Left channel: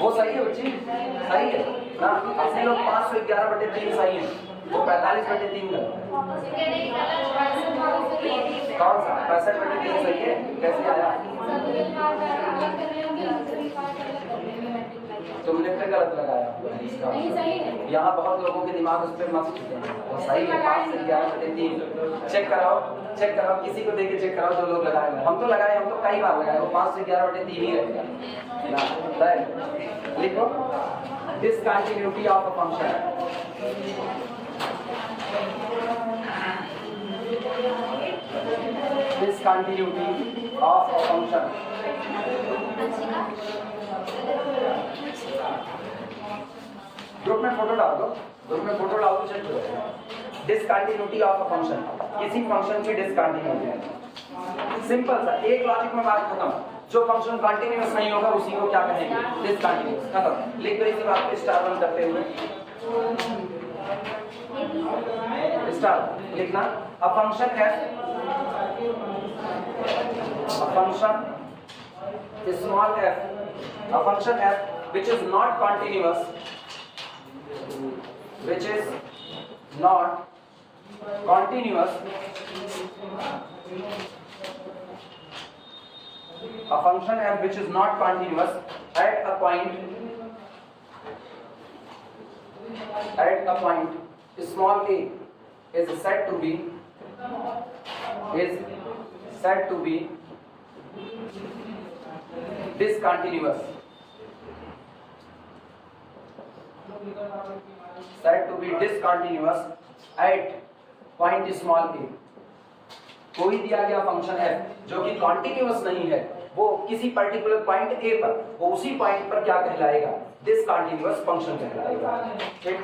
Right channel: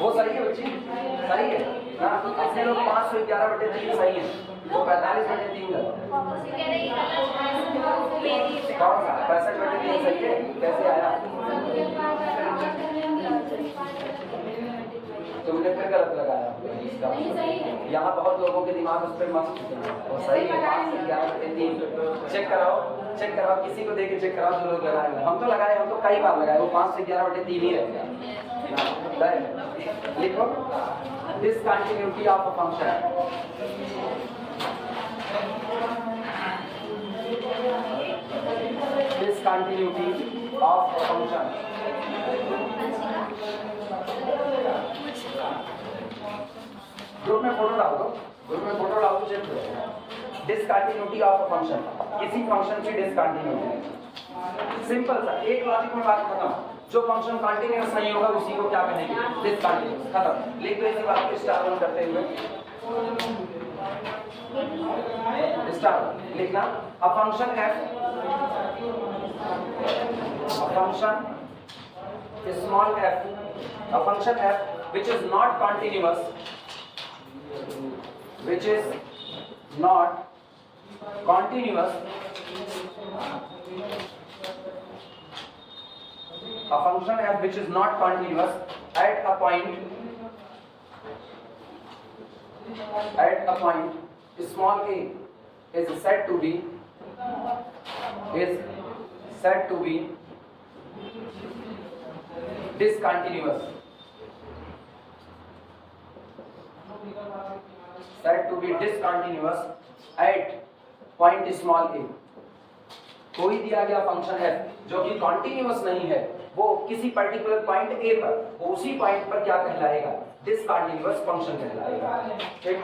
वो सही है बच्ची, सही है ना। अपने लोग 511/3 सही है, तो 45/3 गलत। कौन सा 65/3 सही है? कैसे आया? तुमने फिर गलत लगाया इसका। यहाँ बहुत लोगों के दिमाग उस पर मस्त होते हैं। तो सही है 5 से 11/3। चेक कराओ, चेक कराओ, किसी को देके चेक कराओ जो लोग लगाए हुए। हम तो लगाए, हम तो कई बार लगाए, वो 5 से 11/3 ही रहेगा। लिखो discontinuity of a function. Discontinuity of a function. Group में फोटो डाल दो, ग्रुप में फोटो डाल दो, चेक करो। डिसकंटिन्यूटी ऑफ अ फंक्शन, किसी फंक्शन की डिसकंटिन्यूटी। सिंपल सा, एक लॉजिक में बात खत्म। जो फंक्शन कंटीन्यूअस नहीं होगा उसी को क्या कहेंगे? डिसकंटीन्यूअस। खत्म। लिख दो इसी बात को स्टार वन करते हुए। स्टार लिखना, a function f, a function small f, a function f which is not continuous, which is not continuous, a function f which is not continuous at a point small a is said to be discontinuous, at point small a। कोई दिया गया function f जो कि continuous नहीं है, वो किसी particular point a पर, वो उसी पॉइंट पर क्या कहलाएगा? डिसकंटिन्यूअस फंक्शन कहलाएगा। ठीक।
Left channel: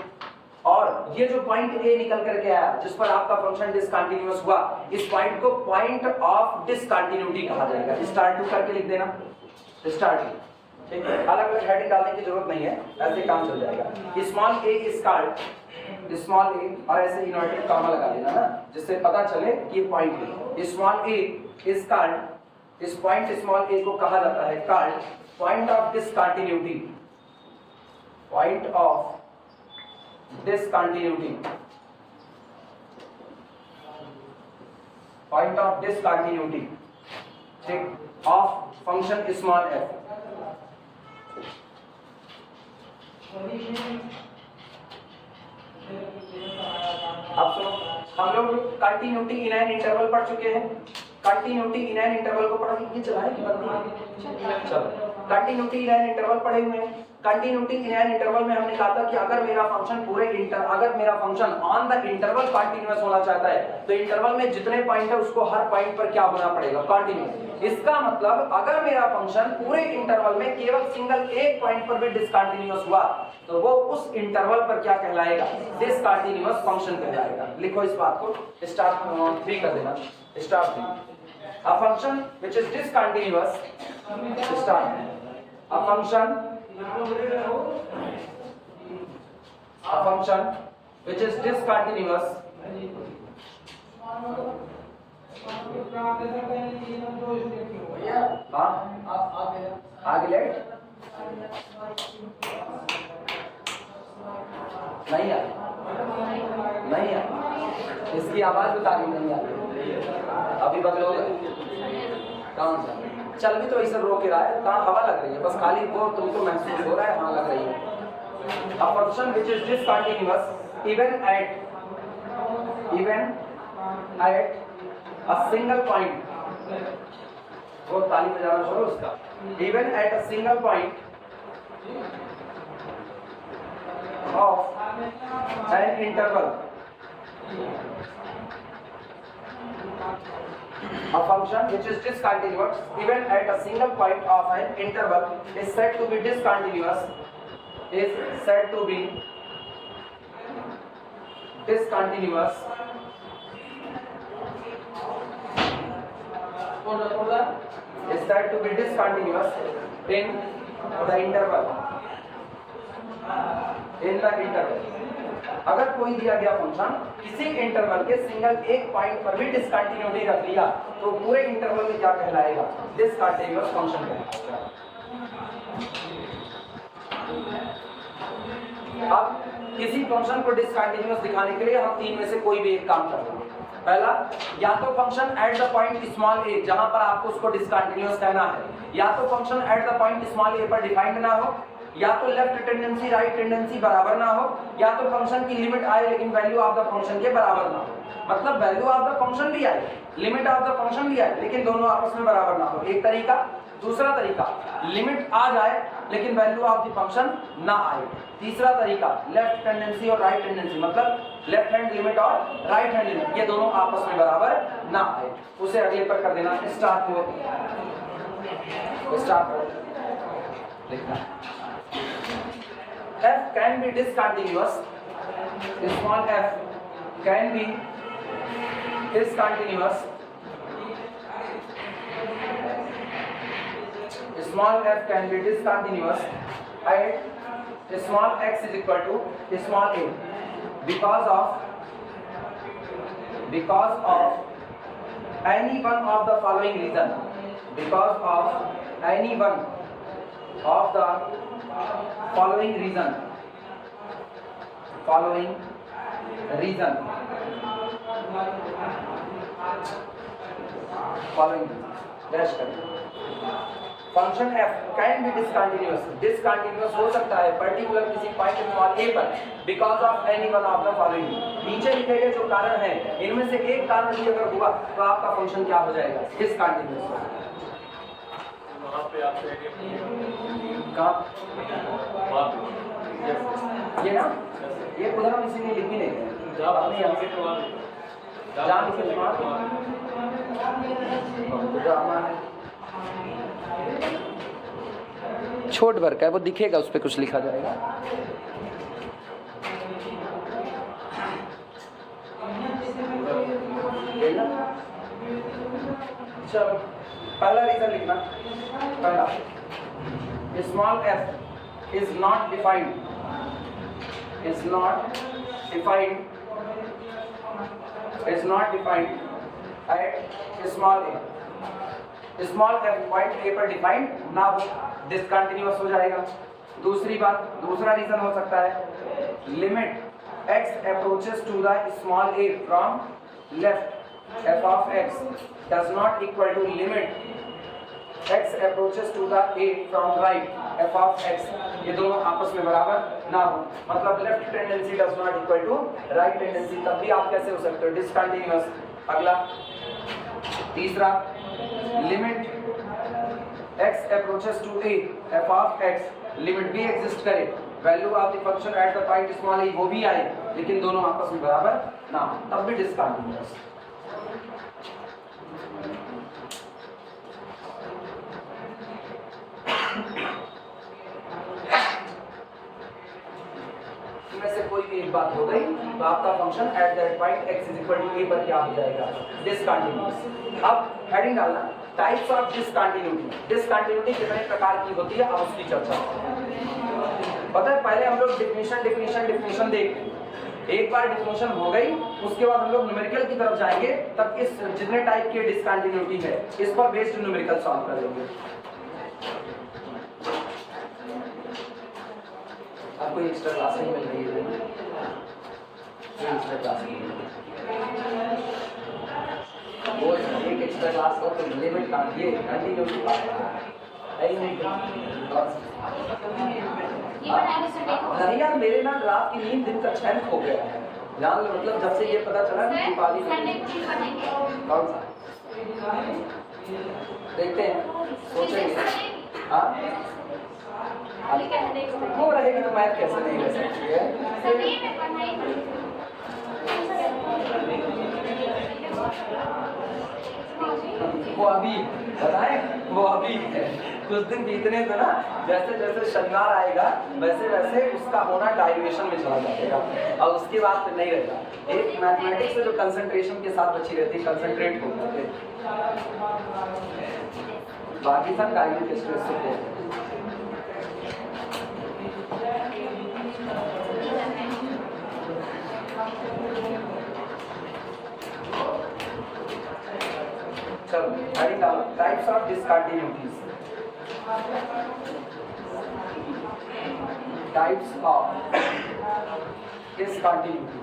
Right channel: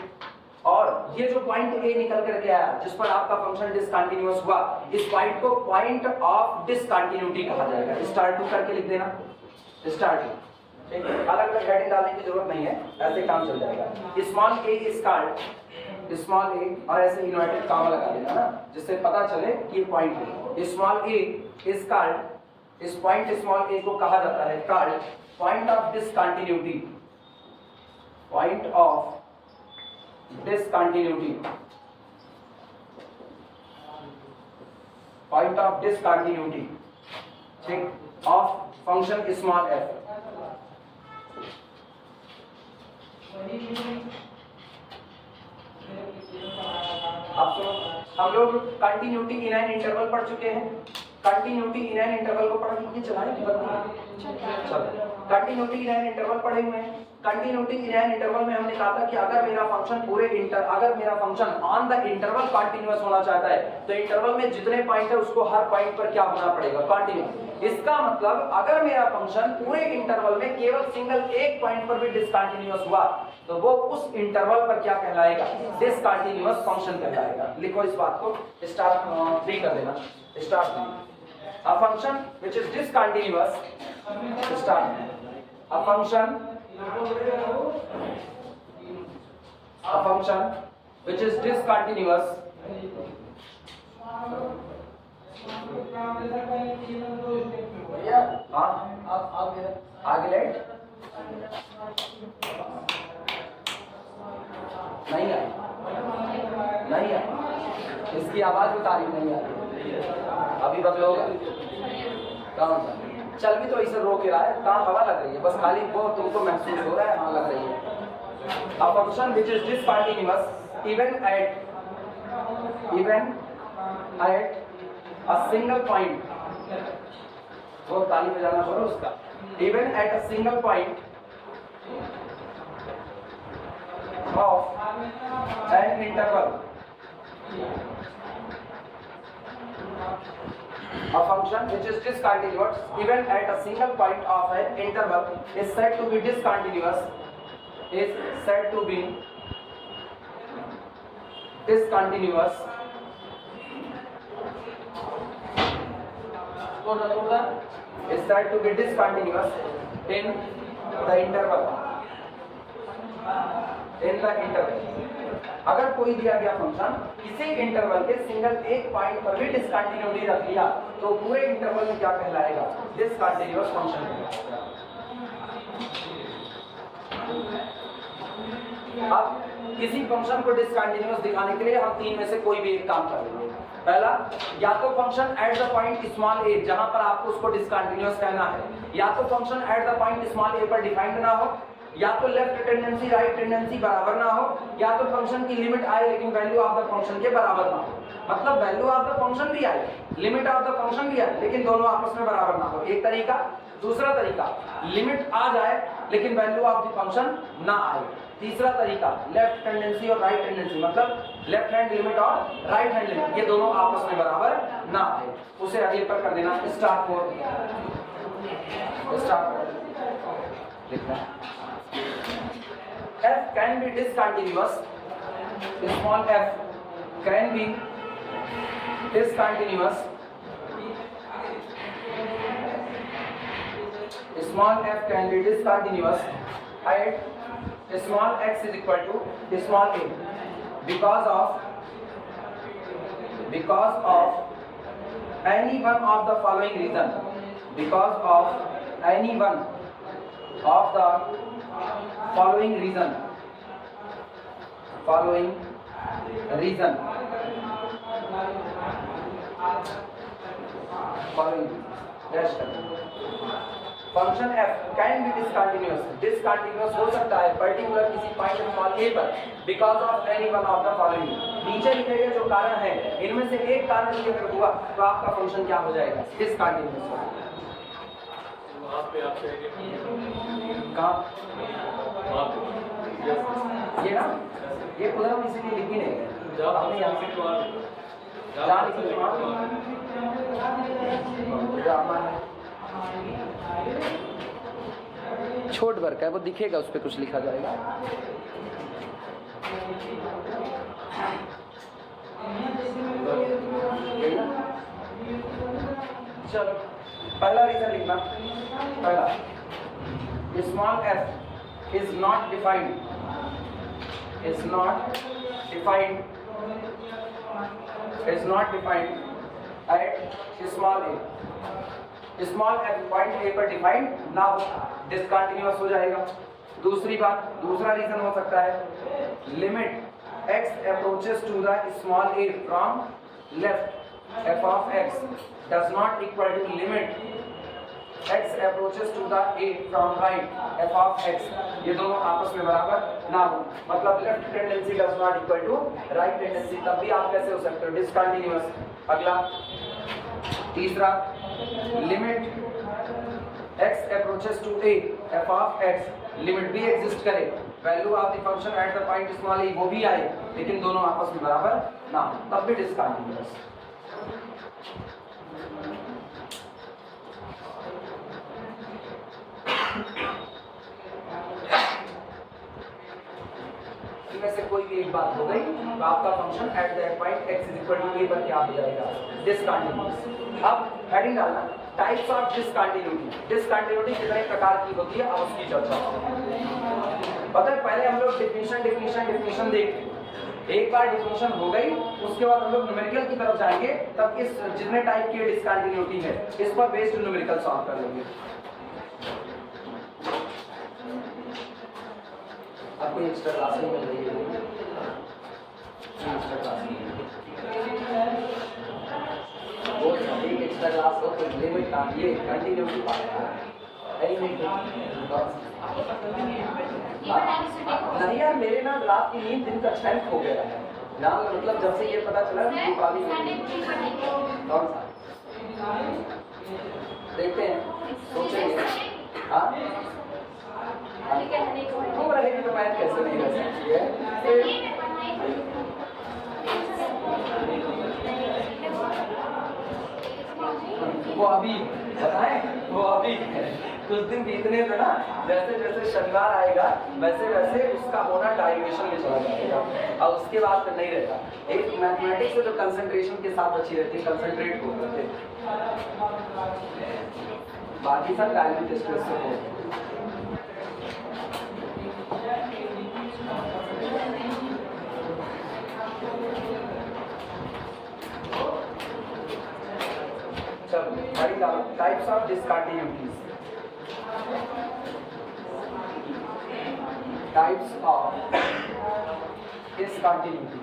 और ये जो पॉइंट a निकल करके आया जिस पर आपका फंक्शन डिसकंटिन्यूअस हुआ, इस पॉइंट को पॉइंट ऑफ डिसकंटिन्यूटी कहा जाएगा। स्टार टू करके लिख देना, स्टार टू। ठीक है, अलग अलग हेडिंग डालने की जरूरत नहीं है, ऐसे काम चल जाएगा। Small a is called, small a और ऐसे इनवर्टेड कॉमा लगा देना ना, जिससे पता चले कि ये पॉइंट है। स्मॉल a इज कॉल्ड, इस पॉइंट स्मॉल a को कहा जाता है called point of discontinuity, point of discontinuity, point of discontinuity, ठीक, of function small f। अब तो हम लोग कंटिन्यूटी इन एन इंटरवल पढ़ चुके हैं। कंटिन्यूटी इन एन इंटरवल को पढ़ के चलाएं कि बंद? चलो, कंटिन्यूटी इन एन इंटरवल पढ़े हुए हैं। कंटिन्यूटी इन एन इंटरवल में हमने कहा था कि अगर मेरा function on the interval continuous होना चाहता है तो इंटरवल में जितने पॉइंट है उसको हर पॉइंट पर क्या होना पड़ेगा? कंटिन्यूअस। इसका मतलब अगर मेरा फंक्शन पूरे इंटरवल में केवल सिंगल एक पॉइंट पर भी डिसकंटिन्यूअस हुआ तो वो उस इंटरवल पर क्या कहलाएगा? डिसकंटिन्यूअस फंक्शन कहलाएगा। लिखो इस बात को, स्टार 3 कर देना, star 3। A function which is discontinuous, start, a function which is discontinuous आगे लेट नहीं आ, इसकी आवाज बता रही नहीं आ रही, अभी बदलोगे? कौन सा? चल भी तो इसे रो के रहा है, कहाँ हवा लग रही है, बस खाली वो तुमको महसूस हो रहा है हाँ लग रही है। A function which is discontinuous even at a single point, वो ताली बजाना शुरू उसका, even at a single point of an interval, a function which is discontinuous even at a single point of an interval is said to be discontinuous, is said to be discontinuous in the interval, अगर कोई दिया गया function किसी interval के single एक point पर भी discontinuity रख लिया तो पूरे इंटरवल में क्या कहलाएगा? डिसकंटिन्यूअस फंक्शन कहलाएगा। अब किसी फंक्शन को डिसकंटिन्यूअस दिखाने के लिए हम तीन में से कोई भी एक काम करेंगे। पहला, या तो function at the point small a जहां पर आपको उसको डिसकंटिन्यूअस कहना है, या तो function at the point small a पर डिफाइंड ना हो, या तो लेफ्ट टेंडेंसी राइट टेंडेंसी बराबर ना हो, या तो फंक्शन की लिमिट आए लेकिन वैल्यू ऑफ द फंक्शन के बराबर ना हो। मतलब वैल्यू ऑफ द फंक्शन भी आए, लिमिट ऑफ द फंक्शन भी आए, लेकिन दोनों आपस में बराबर ना हो, एक तरीका। दूसरा तरीका, लिमिट आ जाए लेकिन वैल्यू ऑफ द फंक्शन ना आए। तीसरा तरीका, लेफ्ट टेंडेंसी और राइट टेंडेंसी, मतलब लेफ्ट हैंड लिमिट और राइट हैंड लिमिट, ये दोनों आपस में बराबर ना आए। उसे अगले पर कर देना, स्टार्ट को लिखना। f can be discontinuous, small f can be discontinuous, small f can be discontinuous at small x is equal to small a because of any one of the following reason, because of any one of the following reason function f can be discontinuous हो सकता है particular किसी point small a पर because of any one of the following. नीचे लिखे गए जो कारण है इनमें से एक कारण भी अगर हुआ तो आपका फंक्शन क्या हो जाएगा, डिसकंटिन्यूअस। कहाँ ये ना, ये उधर हम इसीलिए लिख भी नहीं है जब आपने यहाँ से छोट वर्क है वो दिखेगा, उस पर कुछ लिखा जाएगा। चलो पहला रीजन लिखना, पहला, small f is not defined at small a, small f point a पर डिफाइंड ना हो, डिसकंटिन्यूअस हो जाएगा। दूसरी बात, दूसरा रीजन हो सकता है, limit x approaches to the small a from left f of x does not equal to limit x approaches to the a from right f of x, ये दोनों आपस में बराबर ना हो, मतलब left tendency does not equal to right tendency, तब भी आप कैसे हो सकते हो, डिसकंटिन्यूअस। अगला तीसरा, limit x approaches to a f of x, limit भी एग्जिस्ट करे, value of the function at the point small a वो भी आए, लेकिन दोनों आपस में बराबर ना हो, तब भी डिसकंटिन्यूअस। इनमें से कोई भी एक बात हो गई तो आपका function at that point x is equal to a पर क्या हो जाएगा, डिसकंटिन्यूअस। अब हेडिंग डालना, टाइप्स ऑफ डिसकंटिन्यूटी। डिसकंटिन्यूटी कितने प्रकार की होती है अब उसकी चर्चा पता है। पहले हम लोग डिफिनेशन देख, एक बार डिफिनेशन हो गई उसके बाद हम लोग न्यूमेरिकल की तरफ जाएंगे, तब इस जितने टाइप की डिसकंटिन्यूटी है इस पर बेस्ड न्यूमेरिकल सॉल्व कर लेंगे। आपको एक्स्ट्रा क्लास नहीं मिल रही है, एक्स्ट्रा क्लास वो एक एक्स्ट्रा क्लास हो तो लिमिट का ये कंटिन्यूटी नहीं यार, मेरे ना रात की नींद दिन का 6 हो गया है यार, मतलब जब से ये पता चला दीपावली कौन सा देखते हैं, सोचेंगे। हाँ वो रहेगी तो मैथ कैसे नहीं रह सकती है। वो अभी बताएं, वो अभी है, कुछ दिन बीतने थे ना, जैसे जैसे शनिवार आएगा वैसे वैसे उसका होना डाइल्यूशन में चला जाएगा और उसके बाद फिर नहीं रहेगा। एक मैथमेटिक्स से जो कंसंट्रेशन के साथ बची रहती, कंसंट्रेट होते थे, बाकी सब डाइल्यूट के स्ट्रेस से होते। Types of discontinuities. Types of discontinuity.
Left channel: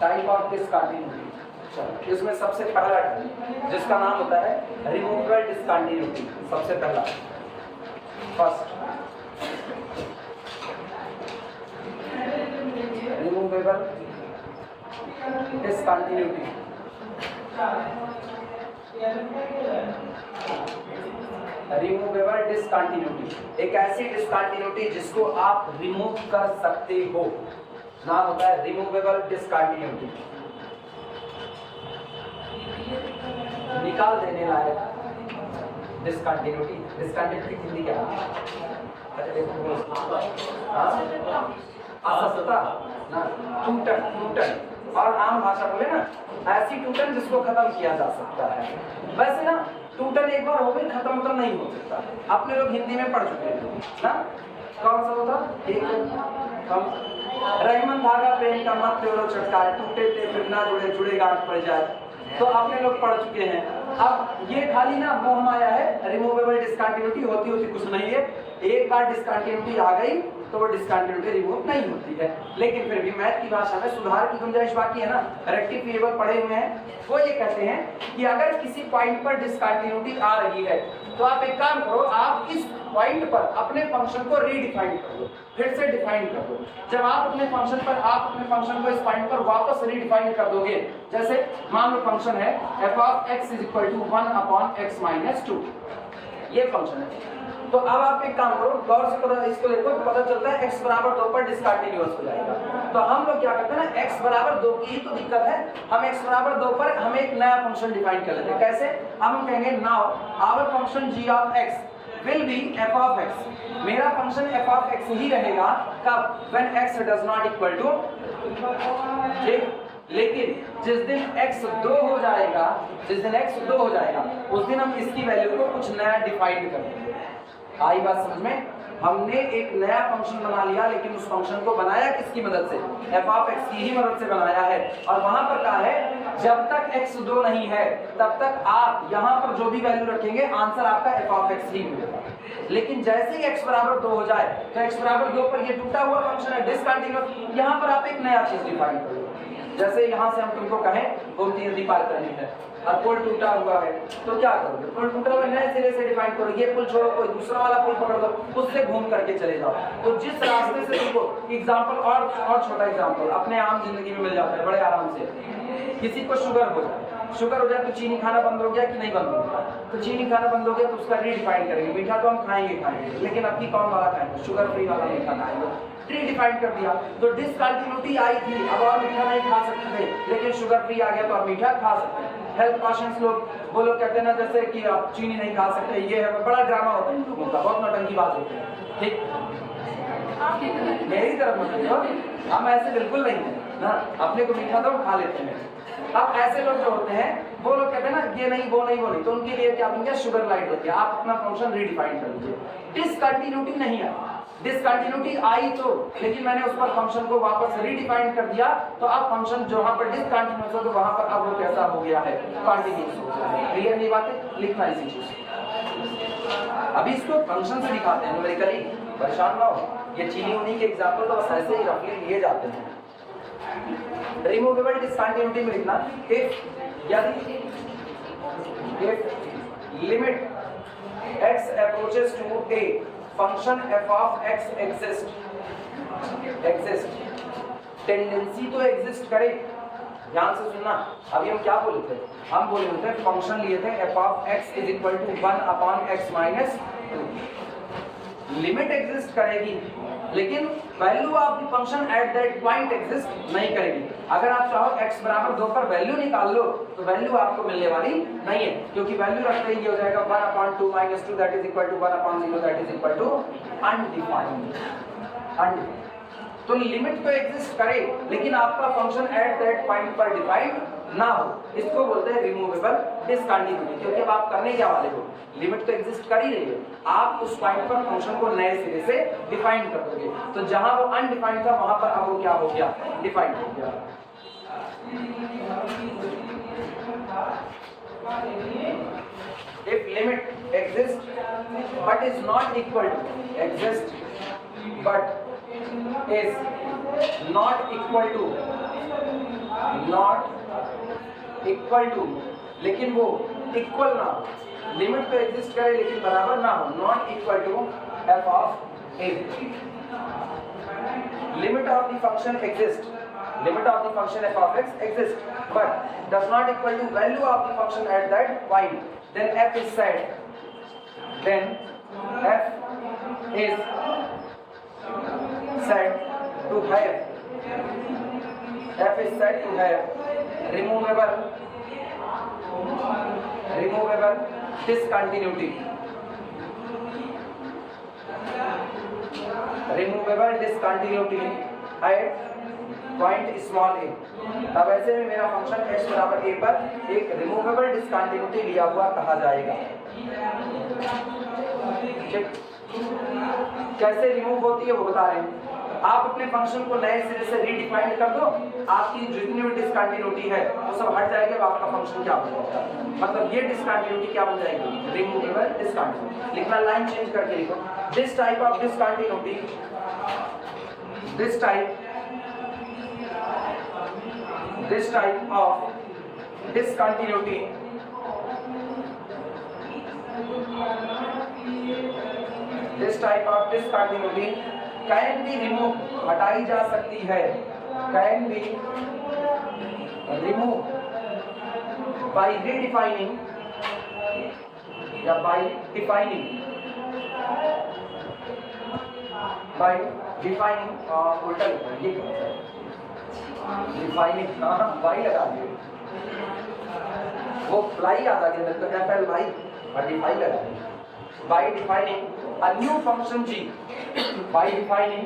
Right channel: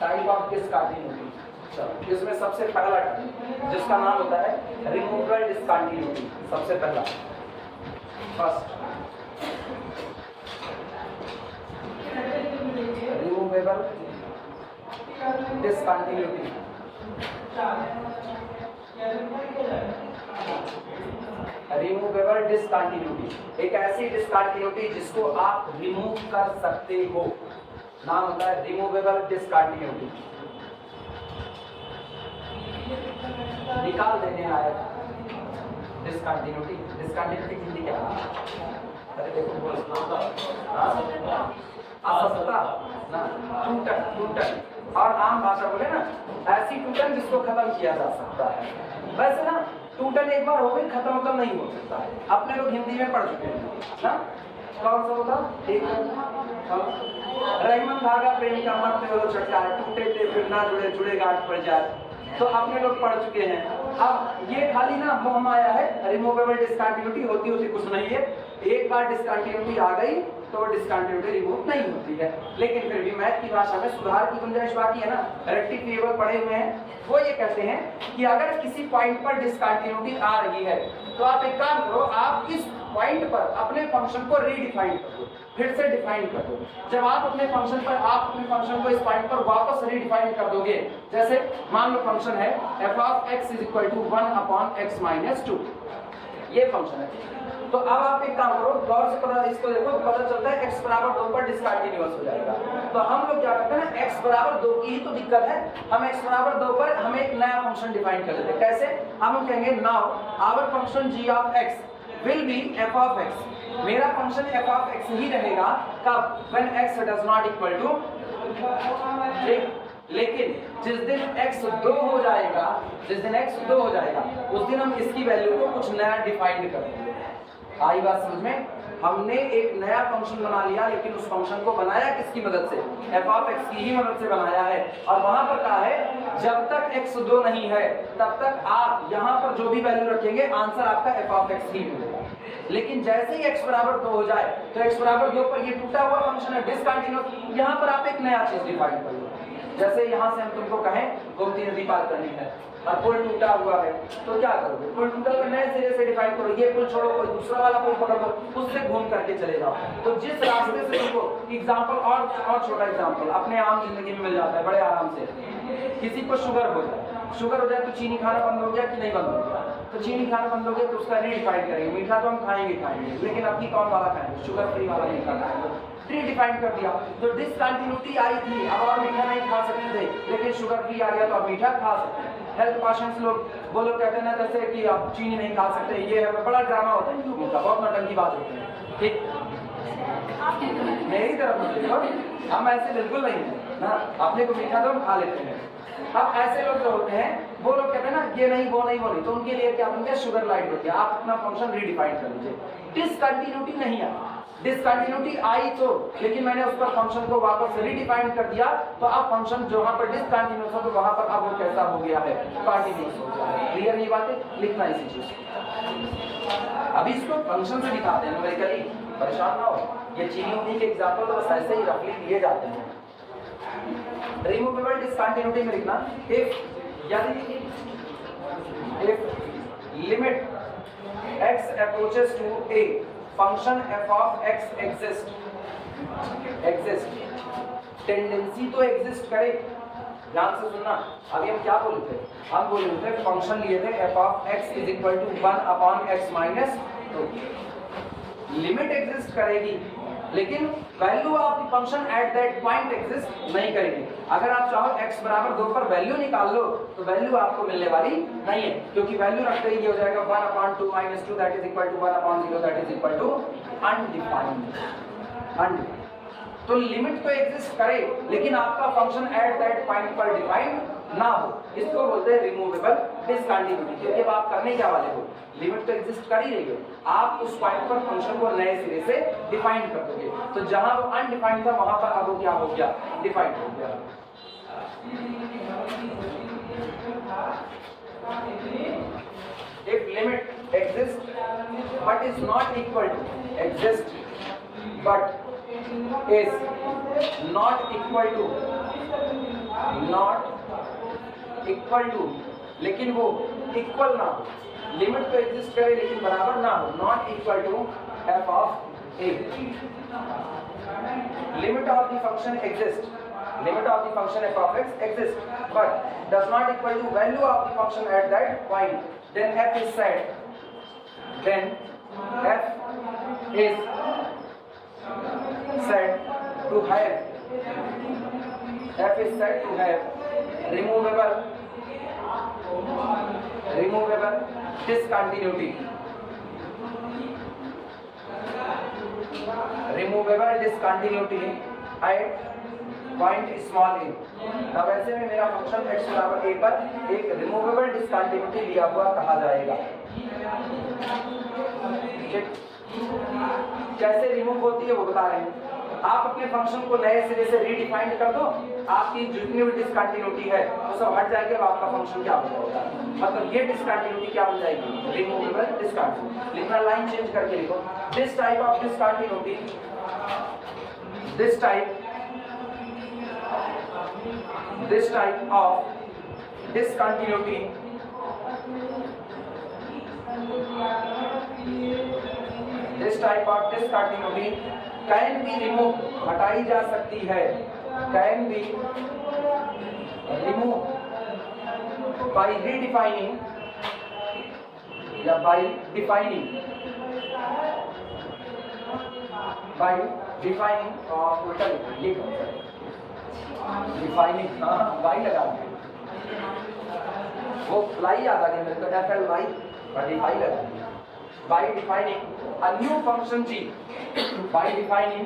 Type of discontinuity. चलो इसमें सबसे पहला टाइप जिसका नाम होता है रिमूवेबल डिसकंटिन्यूटी। सबसे पहला first removable discontinuity. Removable discontinuity एक ऐसी डिसकंटिन्यूटी जिसको आप रिमूव कर सकते हो, नाम होता है रिमूवेबल डिसकंटिन्यूटी। निकाल देने लायक डिसकंटिन्यूटी। डिसकंटिन्यूटी हिंदी क्या है? असत्ता ना, टूटन। टूटन और आम भाषा बोले ना ऐसी टूटन जिसको खत्म किया जा सकता है। वैसे ना टूटन एक बार हो गई खत्म तो नहीं हो सकता। अपने लोग हिंदी में पढ़ चुके हैं ना, कौन सा होता एक रहीमन धागा प्रेम का मत तोड़ो छटकार, टूटे थे फिर ना जुड़े जुड़े गांठ पड़ जाए, तो अपने लोग पढ़ चुके हैं। अब ये खाली ना मोह माया है। रिमूवेबल डिसकंटिन्यूटी होती कुछ नहीं है। एक बार डिसकंटिन्यूटी आ गई तो वो डिसकंटिन्यूटी रिमूव नहीं होती है। लेकिन फिर भी मैथ की भाषा में सुधार की गुंजाइश बाकी है ना। रेक्टिफिएबल पढ़े हुए हैं, वो ये कहते हैं कि अगर किसी पॉइंट पर डिसकंटिन्यूटी आ रही है तो आप एक काम करो, आप इस पॉइंट पर अपने फंक्शन को रीडिफाइन कर दो, फिर से डिफाइन कर दो। जब आप अपने फंक्शन को इस पॉइंट पर वापस रीडिफाइन कर दोगे, जैसे मान लो फंक्शन है f of x = 1/x - 2, ये फंक्शन है। तो अब आप एक काम करो, गौर से पता इसको देखो, पता चलता है x = 2 पर डिसकंटिन्यूअस हो जाएगा। तो हम लोग क्या करते हैं ना, x = 2 की ही तो दिक्कत है। हम x = 2 पर हम एक नया फंक्शन डिफाइन कर लेते हैं। कैसे? हम कहेंगे now our function g of x will be f of x। मेरा फंक्शन f of x ही रहेगा कब? when x does not equal to, लेकिन जिस दिन x 2 हो जाएगा, उस दिन हम इसकी वैल्यू को कुछ नया डिफाइन कर देंगे। आई बात समझ में? हमने एक नया फंक्शन बना लिया, लेकिन उस फंक्शन को बनाया किसकी मदद से? f of x की ही मदद से बनाया है। और वहां पर कहा है जब तक x 2 नहीं है तब तक आप यहां पर जो भी वैल्यू रखेंगे आंसर आपका f of x ही मिलेगा। लेकिन जैसे ही x = 2 हो जाए तो x = 2 पर ये टूटा हुआ फंक्शन है डिसकंटिन्यूअस, यहां पर आप एक नया चीज डिफाइन कर लो। जैसे यहां से हम तुमको कहें गोमती नदी पार करनी है और पुल टूटा हुआ है, तो क्या करोगे? पुल टूटा हुआ नए सिरे से डिफाइन करो। ये पुल छोड़ो, कोई दूसरा वाला पुल पकड़ लो, उससे घूम करके चले जाओ। तो जिस रास्ते से तुमको एग्जांपल और छोटा एग्जांपल अपने आम जिंदगी में मिल जाता है बड़े आराम से। किसी को शुगर हो जाए तो चीनी खाना बंद हो गया कि नहीं बंद हो गया? तो चीनी खाना बंद हो गया तो उसका रीडिफाइन करेंगे। मीठा तो हम खाएंगे, लेकिन अब की कौन वाला खाएंगे? शुगर फ्री वाला मीठा खाएंगे। रीडिफाइन कर दिया तो डिसकंटिन्यूटी आई थी, अब आप मीठा नहीं खा सकते थे, लेकिन शुगर फ्री आ गया तो आप मीठा खा सकते हैं। हेल्थ पेशेंट्स लोग वो लोग कहते हैं ना जैसे कि आप चीनी नहीं खा सकते, ये है बड़ा ड्रामा होता है इन लोगों का, बहुत नौटंकी बात होती है। ठीक, मेरी तरफ मतलब हम ऐसे बिल्कुल नहीं है ना, अपने को मीठा तो हम खा लेते हैं। अब ऐसे लोग जो होते हैं वो लोग कहते हैं ना ये नहीं वो नहीं, तो उनके लिए क्या बन गया? शुगर लाइट होती है। आप अपना फंक्शन रीडिफाइन कर लीजिए। डिसकंटिन्यूटी नहीं आई, डिसकंटिन्यूटी आई तो, लेकिन मैंने उस पर फंक्शन को वापस रीडिफाइन कर दिया, तो अब फंक्शन जहां पर डिसकंटिन्यूअस हो तो वहां पर अब वो कैसा हो गया है? कंटिन्यूअस हो गया है। क्लियर ये बात है? लिखना इसी चीज। अभी इसको फंक्शन से दिखाते हैं न्यूमेरिकली, परेशान ना हो। ये चीनी उन्हीं के एग्जांपल तो बस ऐसे ही रफली लिए जाते हैं। रिमूवेबल डिसकंटिन्यूटी में लिखना यदि limit x approaches to a function f of x exist, tendency तो एग्जिस्ट करे। ध्यान से सुनना, अभी हम क्या बोले थे? हम बोले थे फंक्शन लिए थे f of x = 1/x - 2। Limit exist करेगी, लेकिन value of the function at that point exist नहीं करेगी। अगर आप चाहो x = 2 पर वैल्यू निकाल लो तो वैल्यू आपको मिलने वाली नहीं है, क्योंकि वैल्यू रखते ही ये हो जाएगा 1/2 - 2 that is equal to 1/0 that is equal to undefined. तो लिमिट तो एग्जिस्ट करे, लेकिन आपका फंक्शन एट दैट पॉइंट पर डिफाइंड ना हो, इसको बोलते हैं रिमूवेबल डिसकंटिन्यूटी। क्योंकि अब आप करने क्या वाले हो? लिमिट तो एग्जिस्ट कर ही रही हो, आप उस पॉइंट पर फंक्शन को नए सिरे से डिफाइन कर दोगे। तो जहां वो अनडिफाइंड था वहां पर अब वो क्या हो गया? डिफाइंड हो गया। but is not equal to exist but is not equal to लेकिन वो इक्वल ना हो, लिमिट तो एग्जिस्ट करे लेकिन बराबर ना हो, not equal to f of a. Limit of the function exist, limit of the function f of x exists but does not equal to value of the function at that point, then f is said to have removable discontinuity at point small a. अब ऐसे में मेरा function x बराबर a पर एक removable discontinuity लिया हुआ कहा जाएगा। कैसे रिमूव होती है वो बता रहे हैं। आप अपने फंक्शन को नए सिरे से रीडिफाइन कर दो, आपकी जितनी भी डिसकंटिन्यूटी है वो सब हट जाएगी, आपका फंक्शन क्या बन जाएगा, मतलब ये डिसकंटिन्यूटी क्या बन जाएगी, रिमूवेबल डिसकंटिन्यूटी। लिखना लाइन चेंज करके लिखो, this type of discontinuity, this type of discontinuity can be removed, हटाई जा सकती है, can be removed by redefining या by defining उल्टा ये डिफाइनिंग, वाई लगा दिया, वो फ्लाई आता है मेरे को FLY और डिफाइन लगा दिया। By defining a new function g, by defining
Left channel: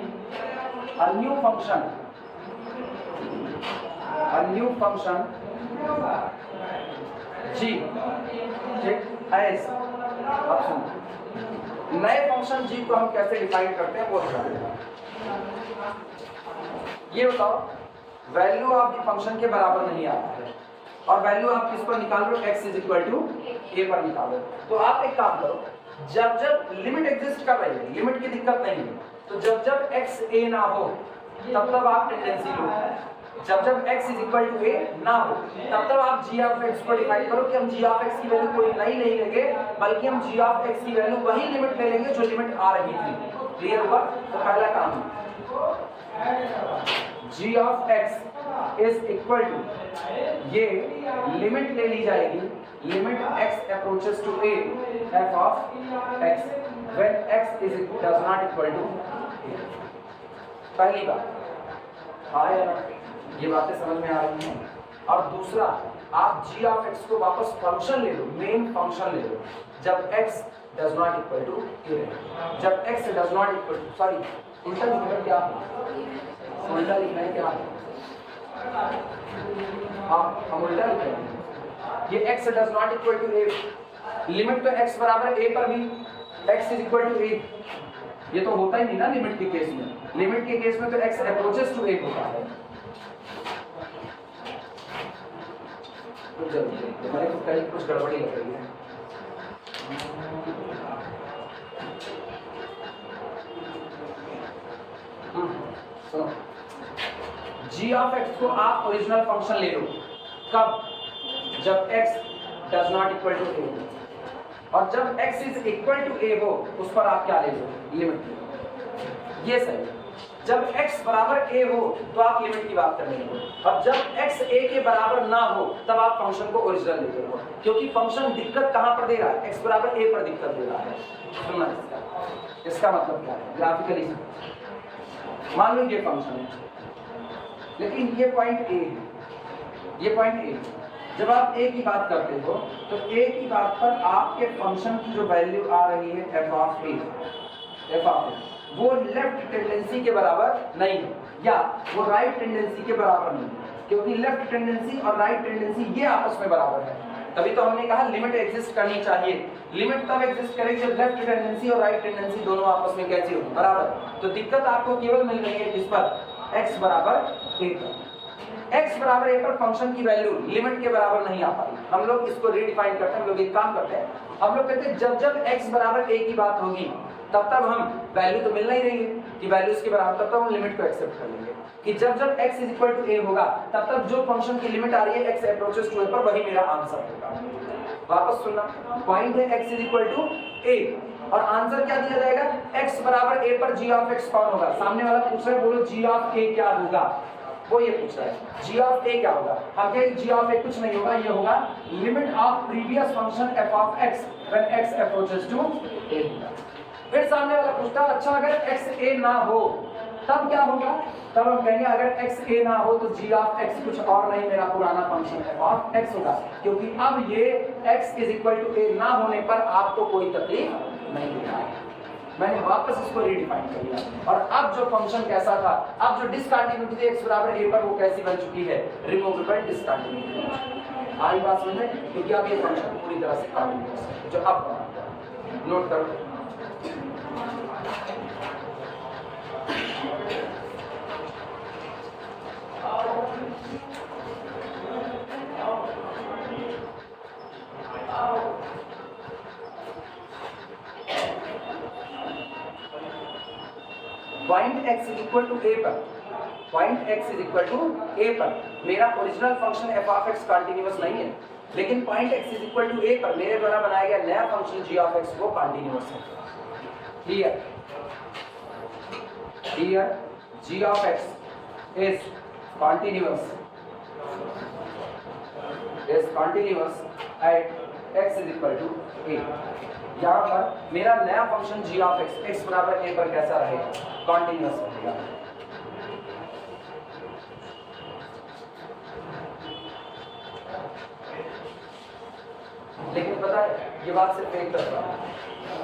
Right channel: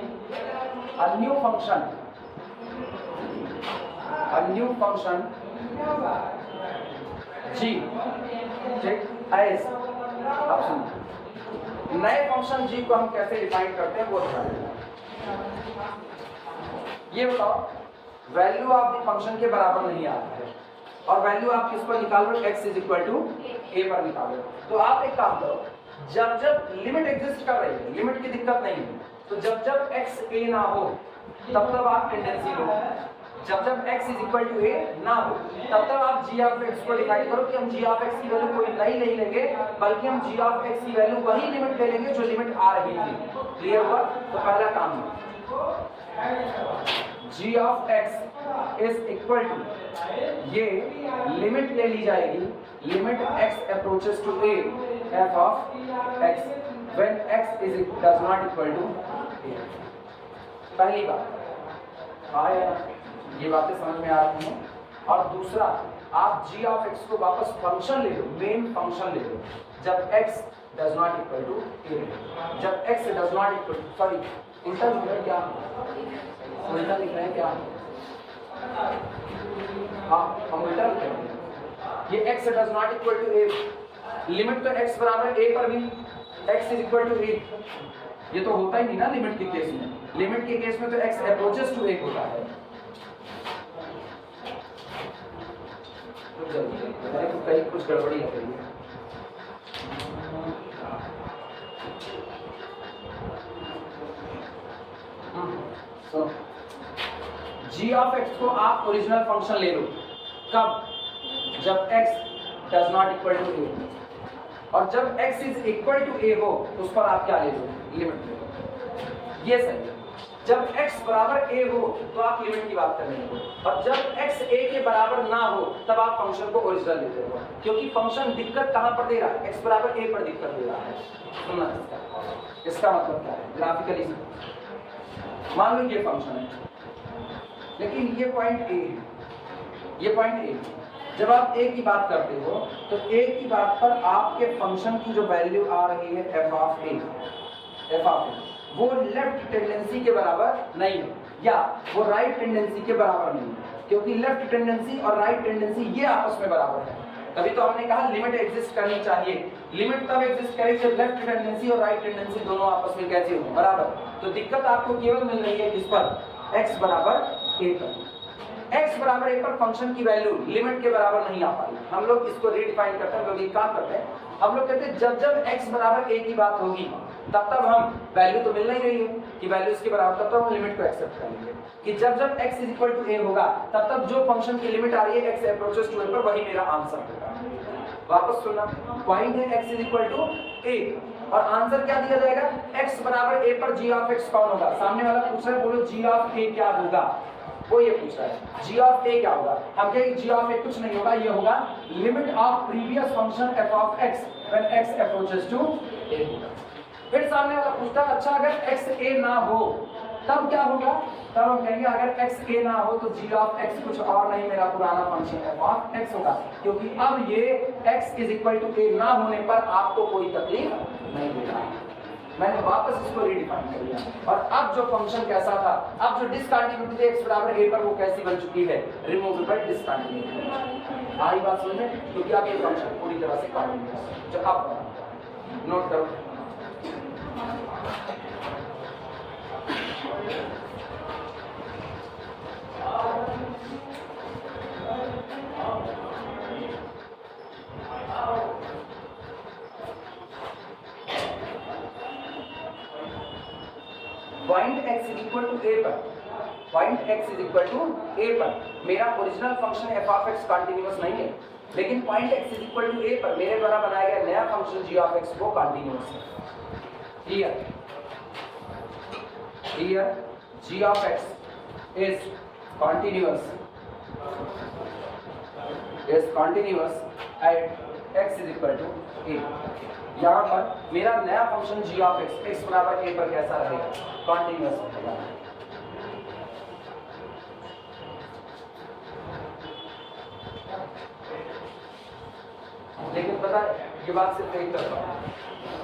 a new function g as, अब सुनो नए फंक्शन g को हम कैसे डिफाइन करते हैं वो बताओ। ये बताओ वैल्यू ऑफ द फंक्शन के बराबर नहीं आता है और वैल्यू आप किस पर निकालो, x is equal to a पर निकालो। तो आप एक काम करो, जब लिमिट एग्जिस्ट कर रही है, लिमिट की दिक्कत नहीं है, तो जब x a ना हो तब आप टेंडेंसी लो, जब x is equal to a ना हो तब आप g ऑफ x को डिफाइन करो कि हम g ऑफ x की वैल्यू कोई नई नहीं लेंगे, बल्कि हम g ऑफ x की वैल्यू वही लिमिट ले लेंगे जो लिमिट आ रही थी। क्लियर हुआ? तो पहला काम है g of x is equal to, ये लिमिट ले ली जाएगी, limit x approaches to a f of x when x is does not equal to a। पहली बात आया ना, ये बातें समझ में आ रही हैं। और दूसरा, आप g of x को वापस फंक्शन ले लो, मेन फंक्शन ले लो, जब x does not equal to a, जब x does not equal to, sorry उल्टा लिखना है, क्या उल्टा लिखना है, क्या हाँ हम उल्टा लिखेंगे। ये x does not equal to a, limit तो x बराबर a पर भी x is equal to a, ये तो होता ही नहीं ना लिमिट के केस में। लिमिट के केस में तो x approaches to a होता है। मैंने तो कहीं कुछ गड़बड़ी हो रही है। g of x को आप ओरिजिनल फंक्शन ले लो, कब? जब x does not equal to a, और जब x is equal to a हो उस पर आप क्या ले लो, लिमिट ले लो। ये सही है। जब x बराबर a हो तो आप लिमिट की बात करेंगे, और जब x a के बराबर ना हो तब आप फंक्शन को ओरिजिनल ले लो, क्योंकि फंक्शन दिक्कत कहाँ पर देगा, x बराबर a पर दिक्कत दे रहा है। सुनना इसका मतलब क्या है ग्राफिकली। मान लो ये फंक्शन है, लेकिन ये पॉइंट a है, ये पॉइंट a है। जब आप a की बात करते हो तो a की बात पर आपके फंक्शन की जो वैल्यू आ रही है f ऑफ a, वो लेफ्ट टेंडेंसी के बराबर नहीं है, या वो राइट टेंडेंसी के बराबर नहीं है, क्योंकि लेफ्ट टेंडेंसी और राइट टेंडेंसी ये आपस में बराबर है। तभी तो हमने कहा लिमिट एग्जिस्ट करनी चाहिए। लिमिट तब एग्जिस्ट करेगी जब लेफ्ट टेंडेंसी और राइट टेंडेंसी दोनों आपस में कैसे हो, बराबर। तो दिक्कत आपको केवल मिल रही है किस पर, x बराबर a पर। x बराबर a पर फंक्शन की वैल्यू लिमिट के बराबर नहीं आ पाई। हम लोग इसको रीडिफाइन करते हैं, हम लोग एक काम करते हैं, हम लोग कहते हैं जब जब x बराबर a की बात होगी तब तब हम वैल्यू तो मिल नहीं रही है कि वैल्यू इसके बराबर, तब तब हम लिमिट को एक्सेप्ट कर लेंगे कि जब जब x is equal to a होगा तब तब जो फंक्शन की लिमिट आ रही है x अप्रोचेस टू a पर, वही मेरा आंसर होगा। वापस सुनना, पॉइंट है x is equal to a और आंसर क्या दिया जाएगा, x बराबर a पर g ऑफ x कौन होगा। सामने वाला पूछ रहा है, बोलो g ऑफ a क्या होगा, वो ये पूछ रहा है g ऑफ a क्या होगा। हम कहेंगे g ऑफ a कुछ नहीं होगा, ये होगा limit of previous function f of x when x approaches to a होगा। फिर सामने वाला पूछता है अच्छा अगर x a ना हो तब क्या होगा, तब हम कहेंगे अगर x a ना हो तो g ऑफ x कुछ और नहीं, मेरा पुराना फंक्शन f ऑफ x होगा, क्योंकि अब ये x is equal to a ना होने पर आपको कोई तकलीफ नहीं होगा। मैंने वापस इसको रीडिफाइन कर लिया और अब जो फंक्शन कैसा था, अब जो डिसकंटिन्यूटी थी x बराबर a पर वो कैसी बन चुकी है, रिमूवेबल डिसकंटिन्यूटी। आई बात समझ में, क्योंकि अब ये फंक्शन पूरी तरह से कंटीन्यूअस है। जो अब नोट करो, point x is equal to a पर, point x is equal to a पर मेरा original function f of x continuous नहीं है, लेकिन पॉइंट x is equal to a पर मेरे द्वारा बनाया गया नया फंक्शन g ऑफ x वो कंटीन्यूअस है। Clear, here g of x is continuous at x is equal to a। यहाँ पर मेरा नया फंक्शन g of x बराबर a पर कैसा रहेगा, कंटीन्यूअस रहेगा। लेकिन पता है ये बात सिर्फ एक तरफा,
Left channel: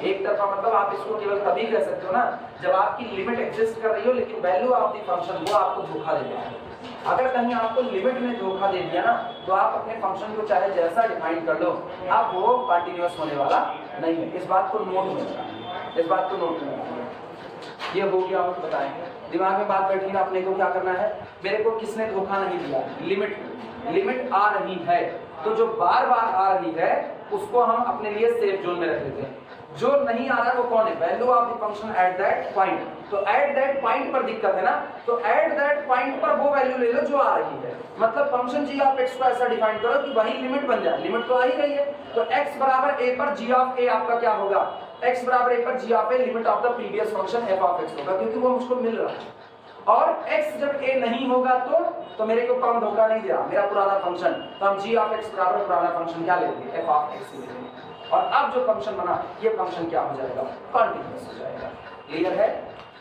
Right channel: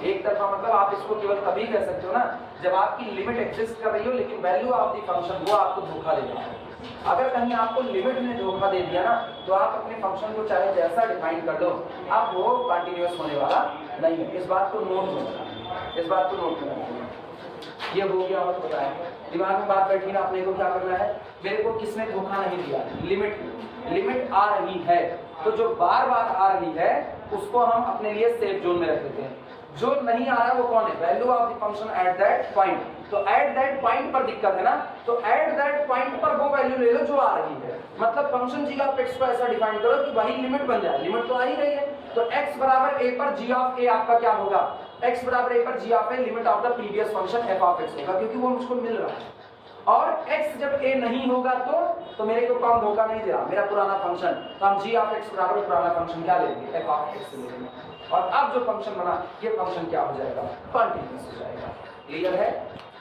एक तरफा मतलब आप इसको केवल तभी कह सकते हो ना जब आपकी लिमिट एग्जिस्ट कर रही हो लेकिन वैल्यू ऑफ द फंक्शन वो आपको धोखा दे देगा। अगर कहीं आपको लिमिट में धोखा दे दिया ना तो आप अपने फंक्शन को चाहे जैसा डिफाइन कर लो, आप वो कंटीन्यूअस होने वाला नहीं है। इस बात को नोट में, इस बात को नोट में ये हो गया। और बताएं, दिमाग में बात बैठी ना, अपने को क्या करना है, मेरे को किसने धोखा नहीं दिया, लिमिट आ रही है तो जो बार बार आ रही है उसको हम अपने लिए सेफ जोन में रख लेते हैं। जो नहीं आ रहा है वो कौन है, value of the function at that point. तो एट दैट पॉइंट पर दिक्कत है ना, तो एट दैट पॉइंट पर वो वैल्यू ले लो जो आ रही है। मतलब फंक्शन g ऑफ x को ऐसा डिफाइन करो कि वही लिमिट बन जाए, लिमिट तो आ ही रही है। तो x बराबर a पर g ऑफ a आपका क्या होगा, x बराबर a पर g of a limit of the previous function f of x होगा, क्योंकि वो मुझको मिल रहा है। और x जब a नहीं होगा तो मेरे को कौन धोखा नहीं दे रहा, मेरा पुराना फंक्शन। तो हम g ऑफ x बराबर पुराना फंक्शन क्या लेंगे, f ऑफ x लेंगे। और अब जो फंक्शन बना ये फंक्शन क्या हो जाएगा, कंटीन्यूअस हो जाएगा। क्लियर है,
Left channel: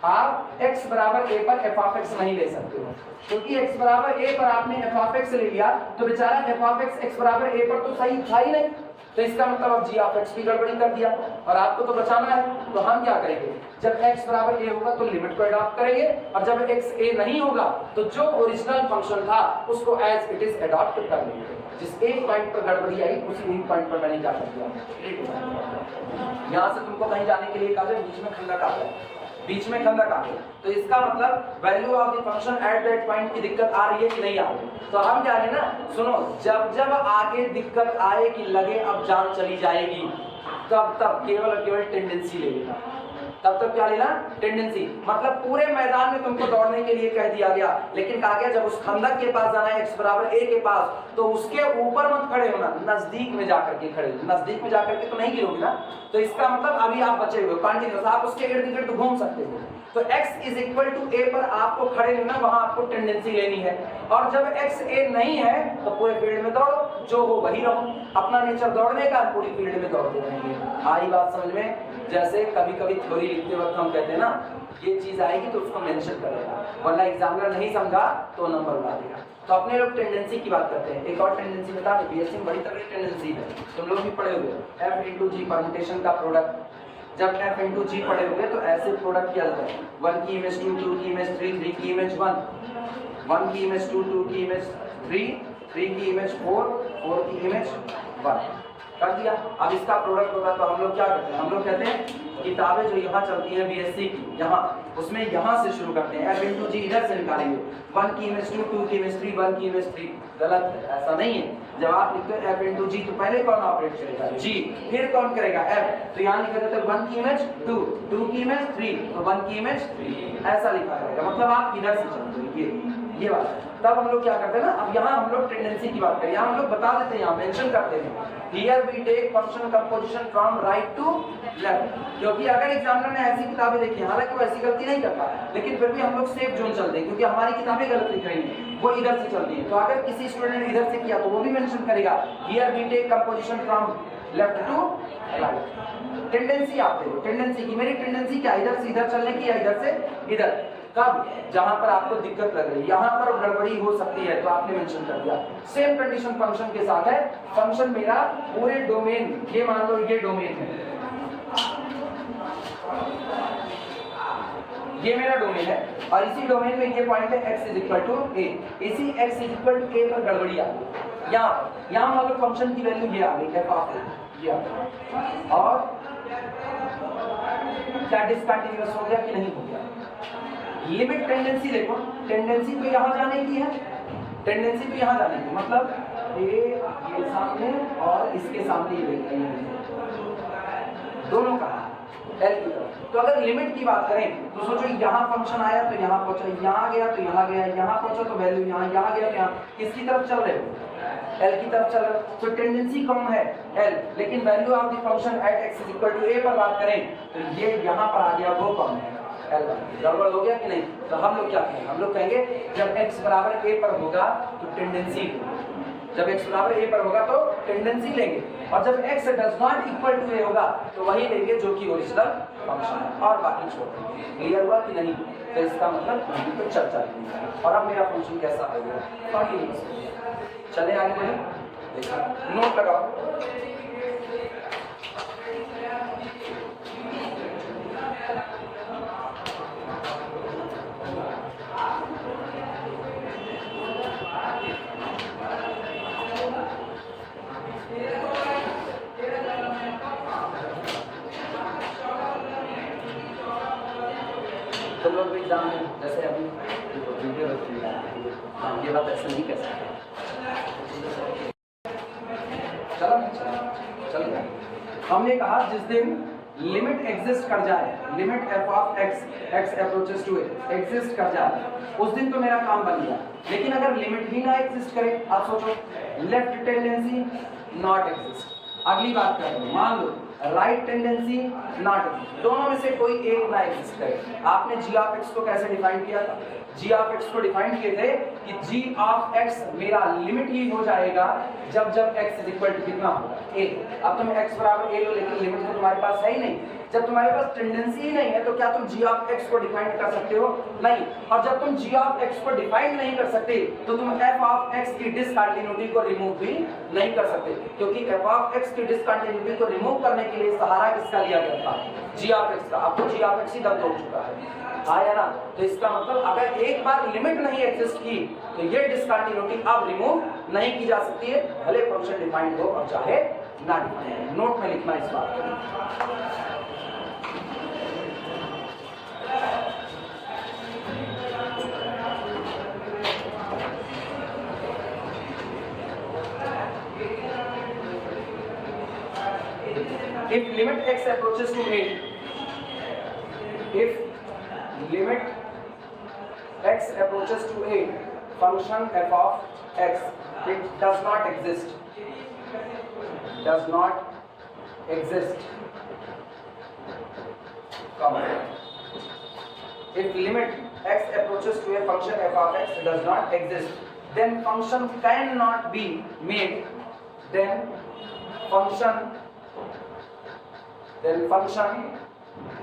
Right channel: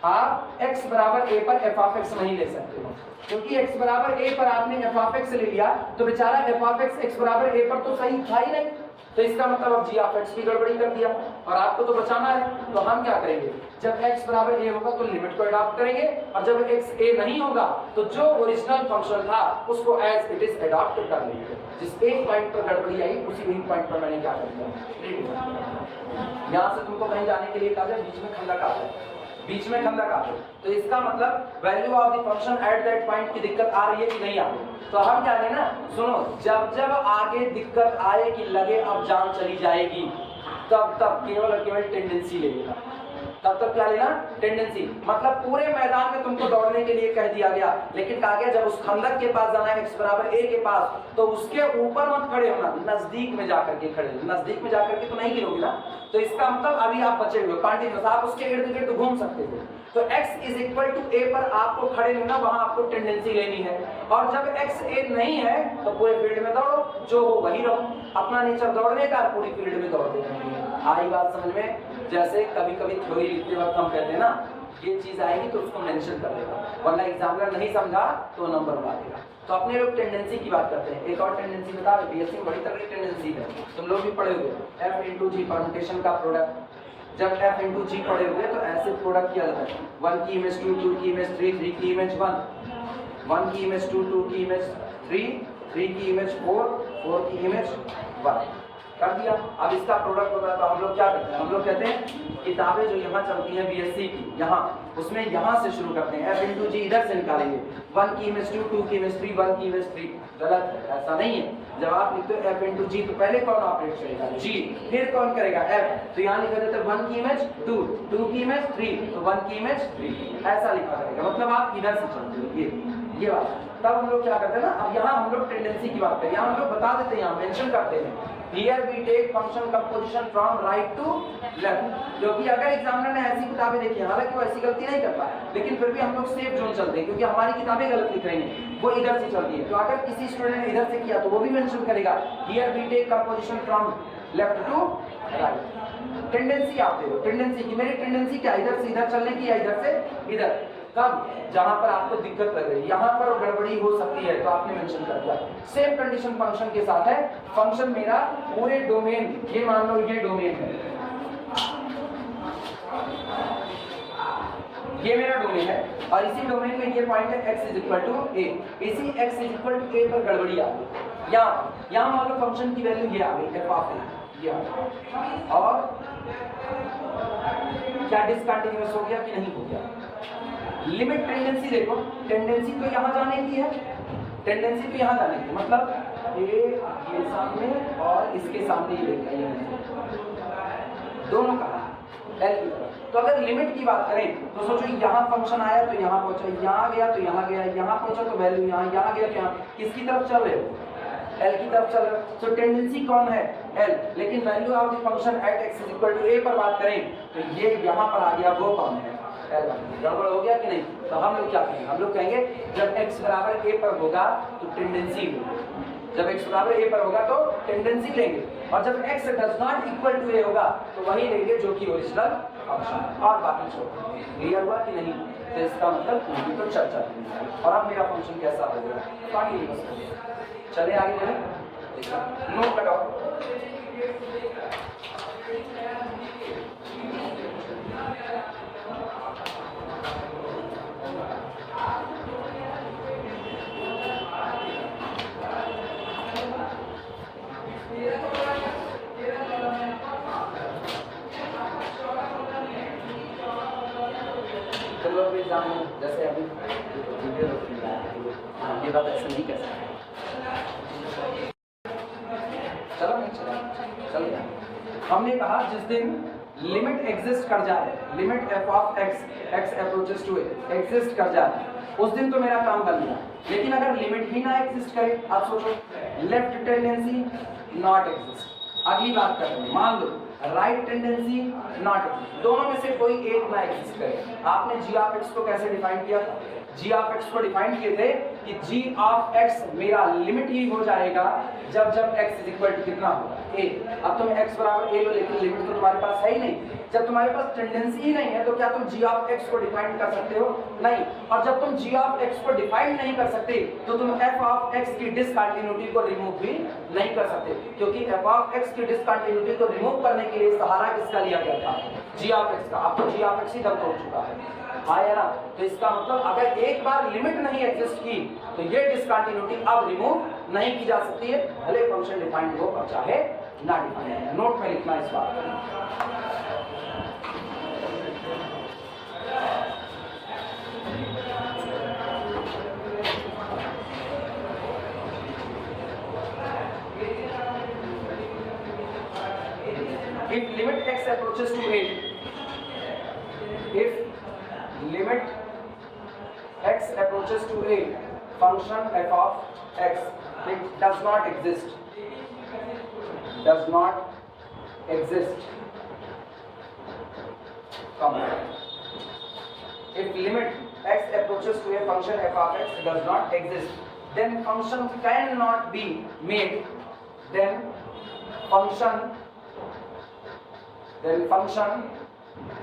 आप x बराबर a पर f ऑफ x नहीं ले सकते हो, क्योंकि x बराबर a पर आपने f ऑफ x ले लिया तो बेचारा f ऑफ x बराबर a पर तो सही था ही नहीं, तो इसका मतलब अब g ऑफ x भी गड़बड़ी कर दिया और आपको तो बचाना है। तो हम क्या करेंगे, जब x बराबर a होगा तो लिमिट को अडॉप्ट करेंगे, और जब x a नहीं होगा तो जो ओरिजिनल फंक्शन था उसको एज इट इज अडॉप्ट कर लेंगे। जिस एक पॉइंट पर गड़बड़ी आई उसी एक पॉइंट पर मैंने क्या कर दिया, यहाँ से तुमको कहीं जाने के लिए कहा बीच में खंडक आ गया, बीच में खंडक आ गई, तो इसका मतलब value of the function at that point की दिक्कत आ रही है कि नहीं आ रही। तो हम क्या लेना, सुनो, जब जब आगे दिक्कत आए कि लगे अब जान चली जाएगी, तब तब केवल और केवल टेंडेंसी ले लेना। तब तक क्या लेना, टेंडेंसी। मतलब पूरे मैदान में तुमको दौड़ने के लिए कह दिया गया, लेकिन कहा गया जब उस खंडक के पास जाना है x बराबर a के पास, तो उसके ऊपर मत खड़े होना, नजदीक में जाकर के खड़े हो। नजदीक में जाकर के तो नहीं गिरोगे ना, तो इसका मतलब अभी आप बचे हुए कंटिन्यूअस, आप उसके इर्द गिर्द घूम सकते हो। तो x is equal to a पर आपको खड़े रहना, वहां आपको टेंडेंसी लेनी है। और जब x a नहीं है तो पूरे फील्ड में दौड़ो, जो हो वही रहो। अपना नेचर दौड़ने का, पूरी फील्ड में दौड़ते रहेंगे। आई बात समझ में। जैसे कभी कभी थ्योरी लिखते वक्त हम कहते हैं ना, ये चीज आएगी तो उसको मेंशन कर देगा, वरना एग्जामिनर नहीं समझा तो नंबर बना देगा। तो अपने लोग टेंडेंसी की बात करते हैं। एक और टेंडेंसी बता दो, बीएससी में बड़ी तगड़ी टेंडेंसी है, तुम लोग भी पढ़े हुए, f इंटू जी परम्यूटेशन का प्रोडक्ट। जब f इंटू जी पढ़े हुए तो ऐसे प्रोडक्ट किया जाता है, 1 की इमेज 2, 2 की इमेज 3, 3 की इमेज 1, 1 की इमेज 2, 2 की इमेज 3, 3 की इमेज 4, 4 की इमेज 1। कर दिया। अब इसका प्रोडक्ट होगा तो हम लोग क्या करते हैं, हम लोग कहते हैं किताबें जो यहाँ चलती हैं बीएससी की, यहाँ उसमें यहाँ से शुरू करते हैं, F इंटू जी इधर से निकालेंगे, 1 की इमेज 2, 2 की इमेज 3, 1 की इमेज 3, गलत है, ऐसा नहीं है। जब आप लिखते हो F इंटू जी तो पहले कौन ऑपरेट करेगा, G, फिर कौन करेगा F, तो यहाँ लिखा जाता है 1 की इमेज 2, 2 की इमेज 3, तो 1 की इमेज 3, ऐसा लिखा जाएगा, मतलब आप इधर से चलते हैं, ये बात है। तब हम लोग क्या करते हैं ना, अब यहाँ हम लोग टेंडेंसी की बात करें, यहाँ हम लोग बता देते हैं, यहाँ मेंशन करते हैं Here we take function composition from right to left, क्योंकि अगर एग्जामिनर ने ऐसी किताबें देखी हैं, हालांकि वो ऐसी गलती नहीं करता, लेकिन फिर भी हम लोग सेफ जोन चलते हैं, क्योंकि हमारी किताबें गलत लिख रही हैं, वो इधर से चलती है, तो अगर किसी स्टूडेंट ने इधर से किया तो वो भी मेंशन करेगा Here we take composition from left to right। Tendency आप देखो, टेंडेंसी की, मेरी टेंडेंसी क्या, इधर से इधर चलने की या इधर से इधर, कब, जहां पर आपको दिक्कत लग रही है, यहां पर गड़बड़ी हो सकती है तो आपने मेंशन कर दिया। सेम कंडीशन फंक्शन के साथ है, फंक्शन मेरा पूरे डोमेन, ये मान लो ये डोमेन है, ये मेरा डोमेन है, और इसी डोमेन में ये पॉइंट है x is equal to a, इसी x is equal to a पर गड़बड़ी आ गई, यहाँ मान लो फंक्शन की वैल्यू ये आ गई f ऑफ a, ये आ गई, और क्या डिसकंटिन्यूअस हो गया कि नहीं हो गया। लिमिट टेंडेंसी देखो, टेंडेंसी तो यहाँ जाने की है, टेंडेंसी तो यहाँ जाने की, मतलब ये सामने और इसके सामने ये देखते हैं, दोनों का एल की तरफ। तो अगर लिमिट की बात करें तो सोचो यहाँ फंक्शन आया तो यहाँ पहुंचा, यहाँ गया तो यहाँ गया, यहाँ पहुंचा तो वैल्यू यहाँ, यहाँ गया तो यहाँ, किसकी तरफ चल रहे हो, एल की तरफ चल रहे हो, तो टेंडेंसी कौन है एल, लेकिन value of the function at X is equal to A पर बात करें तो ये यहाँ पर आ गया, वो कौन है एल, गड़बड़ हो गया कि नहीं। तो हम लोग क्या कहेंगे, हम लोग कहेंगे जब x बराबर a पर होगा तो टेंडेंसी, जब x बराबर a पर होगा तो टेंडेंसी लेंगे, और जब x does not equal to a होगा तो वही लेंगे जो कि ओरिजिनल फंक्शन है, और बाकी छोड़ देंगे। क्लियर हुआ कि नहीं, तो इसका मतलब नहीं, तो चर्चा नहीं। और अब मेरा फंक्शन कैसा होगा, चले आगे बढ़े, नोट लगाओ। जैसे अभी वीडियो ये बात ऐसा नहीं कर सकते, चल गया। हमने कहा जिस दिन लिमिट एग्जिस्ट कर जाए, limit f of x approaches to exist कर जाए, उस दिन तो मेरा काम बन गया। लेकिन अगर लिमिट ही ना एग्जिस्ट करे, आप सोचो लेफ्ट टेंडेंसी नॉट एग्जिस्ट, अगली बात करें, मान लो राइट टेंडेंसी नॉट एग्जिस्ट, दोनों में से कोई एक ना एग्जिस्ट करे। आपने जी ऑफ एक्स को कैसे डिफाइन किया था, जी ऑफ एक्स को डिफाइन किए थे कि जी ऑफ एक्स मेरा लिमिट ही हो जाएगा जब जब x इज इक्वल टू कितना होगा a। अब तुम x बराबर a लो, लेकिन लिमिट तो तुम्हारे पास है ही नहीं। जब तुम्हारे पास टेंडेंसी ही नहीं है तो क्या तुम g ऑफ x को डिफाइन कर सकते हो, नहीं। और जब तुम g ऑफ x को डिफाइन नहीं कर सकते तो तुम f ऑफ x की डिसकंटिन्यूटी को रिमूव भी नहीं कर सकते, क्योंकि f ऑफ x की डिसकंटिन्यूटी को रिमूव करने के लिए सहारा किसका लिया गया था, g ऑफ x का। अब तो g ऑफ x ही दब हो चुका है, हाँ या ना। तो इसका मतलब अगर एक बार लिमिट नहीं एग्जिस्ट की तो ये डिसकंटिन्यूटी अब रिमूव नहीं की जा सकती है, भले फंक्शन डिफाइंड हो और चाहे ना डिफाइंड हो। नोट में लिखना इस बात if limit x approaches to a, if limit x approaches to a, function f of x, it does not exist, does not exist, comma. If limit x approaches to a function f of x does not exist, then function cannot be made, then function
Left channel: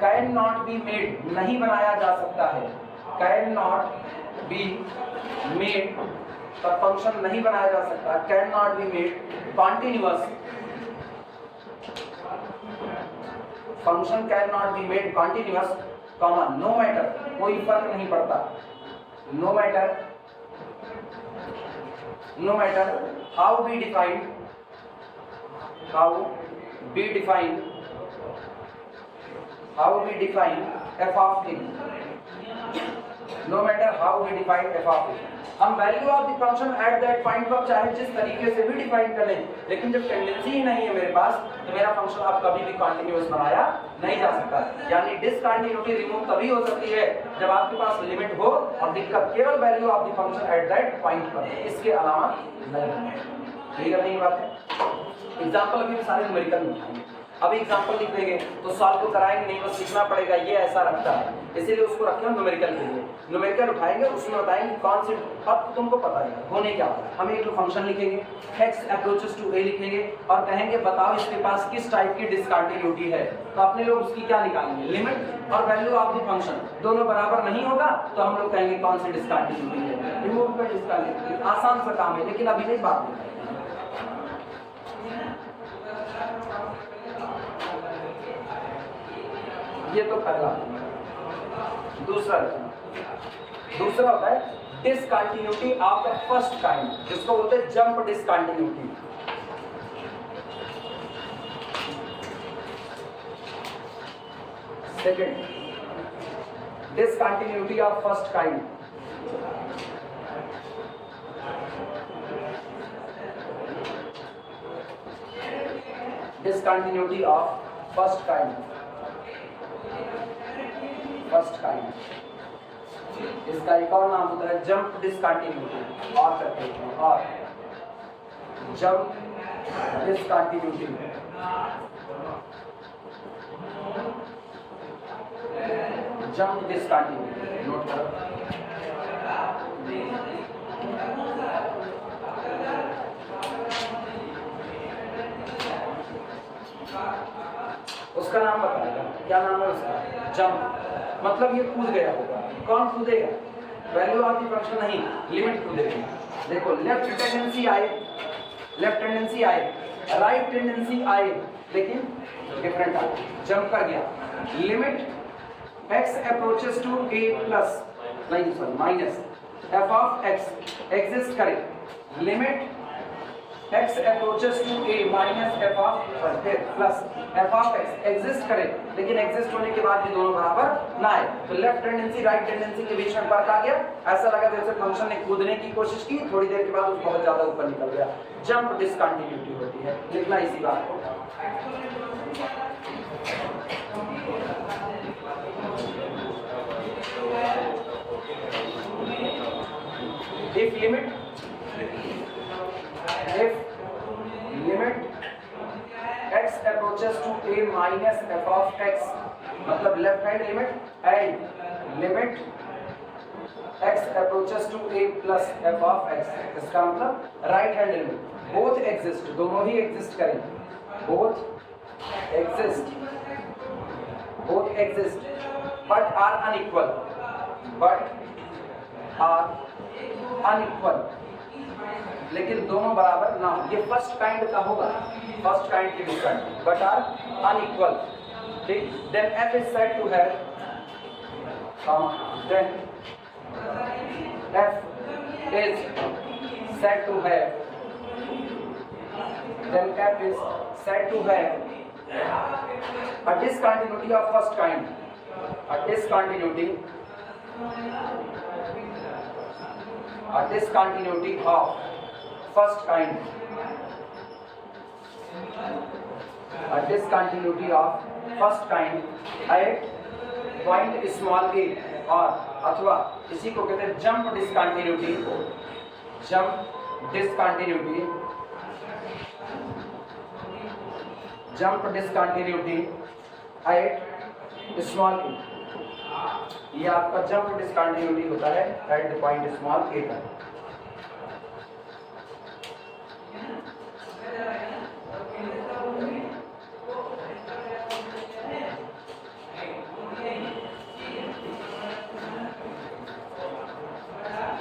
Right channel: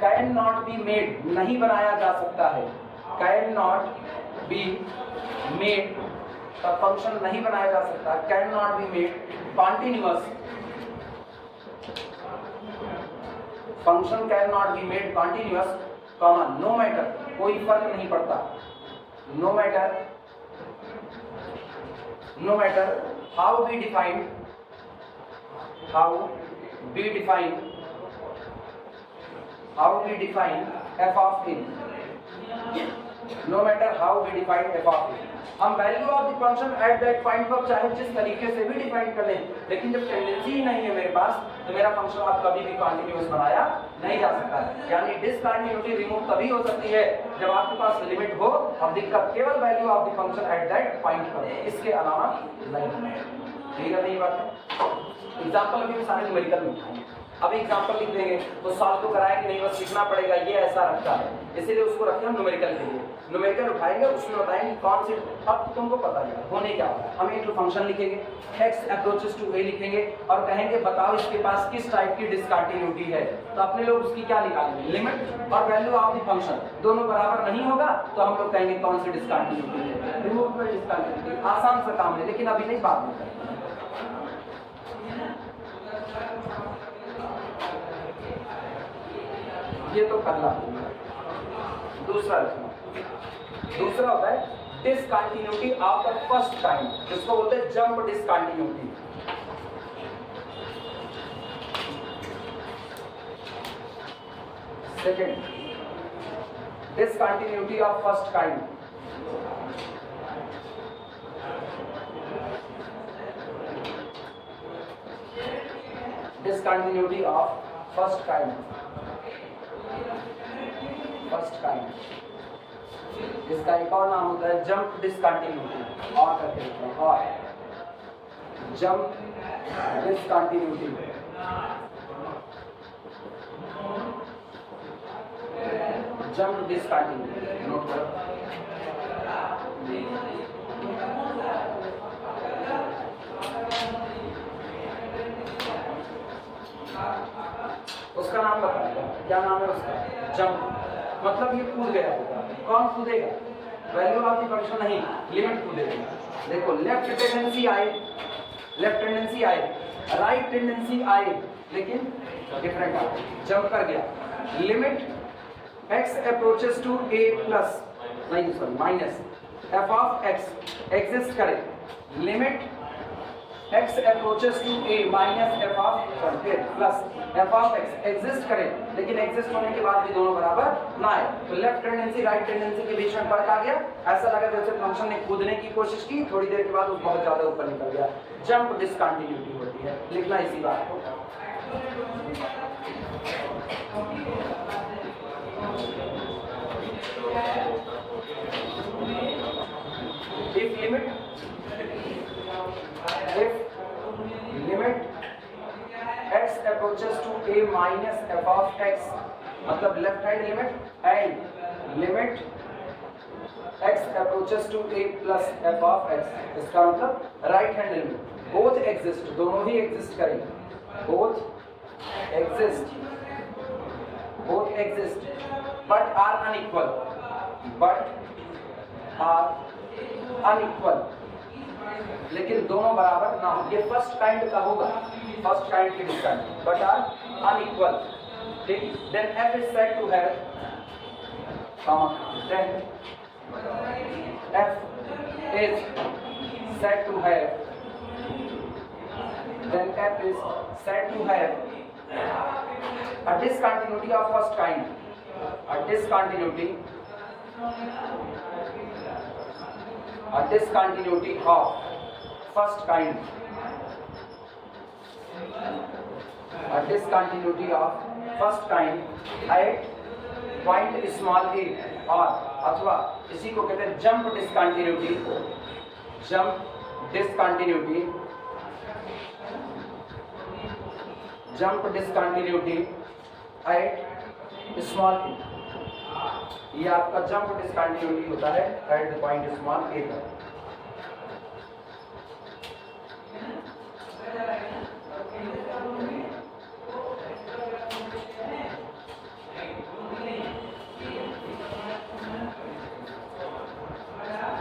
can not be made, नहीं बनाया जा सकता है, can not be made, तब फंक्शन नहीं बनाया जा सकता, can not be made continuous, function can not be made continuous, comma, no matter, कोई फर्क नहीं पड़ता, no matter how we defined, how we define f of a, no matter how we define f of a, हम value of the function at that point को चाहे जिस तरीके से भी डिफाइन कर लें, लेकिन जब टेंडेंसी ही नहीं है मेरे पास, तो मेरा फंक्शन अब कभी भी कॉन्टिन्यूअस बनाया नहीं जा सकता। यानी डिसकंटिन्यूटी रिमूव तभी हो सकती है जब आपके पास लिमिट हो और दिक्कत केवल value of the function at that point पर है, इसके अलावा नहीं। क्लियर नहीं बात है? एग्जांपल भी सारे न्यूमेरिकल में उठाएंगे। अभी एग्जांपल लिख देंगे तो सॉल्व तो कराएंगे नहीं, बस लिखना पड़ेगा ये ऐसा रखता है, इसीलिए उसको रखे हम न्यूमेरिकल के लिए। न्यूमेरिकल उठाएंगे उसमें बताएंगे कौन सी, अब तुमको पता है होने क्या है। हम एक फंक्शन लिखेंगे, x अप्रोचेस टू a लिखेंगे और कहेंगे बताओ इसके पास किस टाइप की डिसकंटिन्यूटी है। तो अपने लोग उसकी क्या निकालेंगे, लिमिट और वैल्यू ऑफ द फंक्शन दोनों बराबर नहीं होगा तो हम लोग कहेंगे कौन सी डिसकंटिन्यूटी है, रिमूव कर डिसकंटिन्यूटी। आसान सा काम है, लेकिन अभी नहीं बात नहीं। ये तो पहला। दूसरा होता है discontinuity of the first kind, जिसको बोलते हैं jump discontinuity. Second, discontinuity of first kind. Discontinuity of first kind, इसका एक और नाम होता है जंप डिसकंटिन्यूटी, और करते हैं और jump discontinuity. Jump discontinuity note करो। उसका नाम बताएगा, क्या नाम है उसका, जंप। मतलब ये कूद गया होगा। कौन कूदेगा, वैल्यू ऑफ द फंक्शन नहीं, लिमिट कूदेगी। देखो लेफ्ट टेंडेंसी आए, राइट टेंडेंसी आए, लेकिन डिफरेंट आए, जंप कर गया। Limit x approaches to a plus नहीं sorry minus f of x exist करे। Limit x approaches to a minus f of plus f of x exist करे, लेकिन एग्जिस्ट होने के बाद भी दोनों बराबर ना आए। तो लेफ्ट टेंडेंसी राइट टेंडेंसी के बीच में फर्क आ गया। ऐसा लगा जैसे फंक्शन ने कूदने की कोशिश की, थोड़ी देर के बाद वो बहुत ज्यादा ऊपर निकल गया। जंप डिसकंटिन्यूटी होती है, लिखना इसी बात को। if limit x approaches to a minus f of x, मतलब left hand limit, and limit x approaches to a plus f of x, इसका मतलब right hand limit. Both exist, दोनों ही एग्जिस्ट करेंगे, both exist but are unequal, लेकिन दोनों बराबर ना हो। ये फर्स्ट काइंड का होगा, फर्स्ट काइंड की डिस्काउंट, बट आर अनइक्वल। ठीक, then f is said to have then f is said to have a discontinuity of first kind, a discontinuity of first kind, a discontinuity of first kind at point small a, और अथवा इसी को कहते हैं jump discontinuity eight small ए। ये आपका jump discontinuity होता है eight the point small a पर।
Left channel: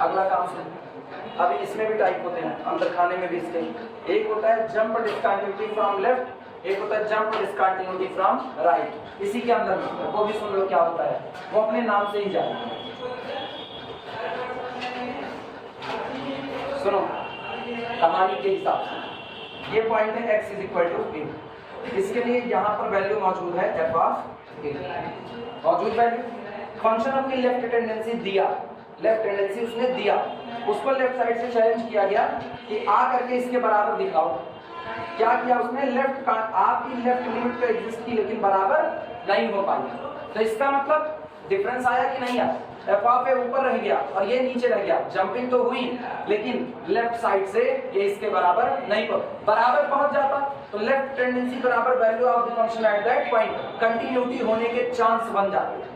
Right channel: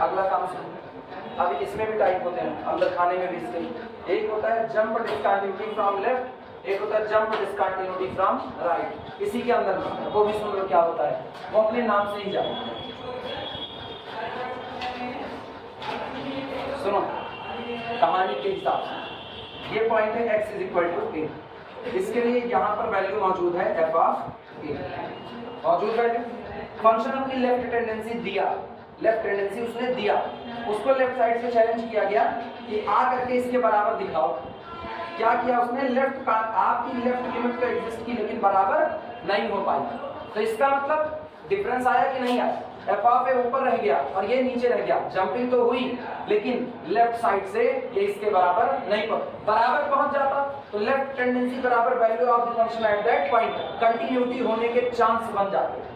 अगला काम सुनो। अभी इसमें भी टाइप होते हैं, अंदर खाने में भी इसके। एक होता है जंप डिसकंटिन्यूटी फ्रॉम लेफ्ट, एक होता है जंप डिसकंटिन्यूटी फ्रॉम राइट। इसी के अंदर वो भी सुन लो क्या होता है, वो अपने नाम से ही जाए। सुनो कहानी के हिसाब से, ये पॉइंट है x इज इक्वल टू ए, इसके लिए यहाँ पर वैल्यू मौजूद है एफ ऑफ ए, मौजूद वैल्यू। फंक्शन अपनी लेफ्ट टेंडेंसी दिया, लेफ्ट टेंडेंसी उसने दिया, उसको लेफ्ट साइड से चैलेंज किया गया कि आ करके इसके बराबर दिखाओ। क्या किया उसने, लेफ्ट का आपकी लेफ्ट लिमिट पे एग्जिस्ट की लेकिन बराबर नहीं हो पाई। तो इसका मतलब डिफरेंस आया कि नहीं आया, एफ ऑफ ए ऊपर रह गया और ये नीचे रह गया, जंपिंग तो हुई लेकिन लेफ्ट साइड से ये इसके बराबर नहीं बराबर पहुंच जाता तो लेफ्ट टेंडेंसी बराबर value of the function at that point, continuity होने के चांस बन जाते।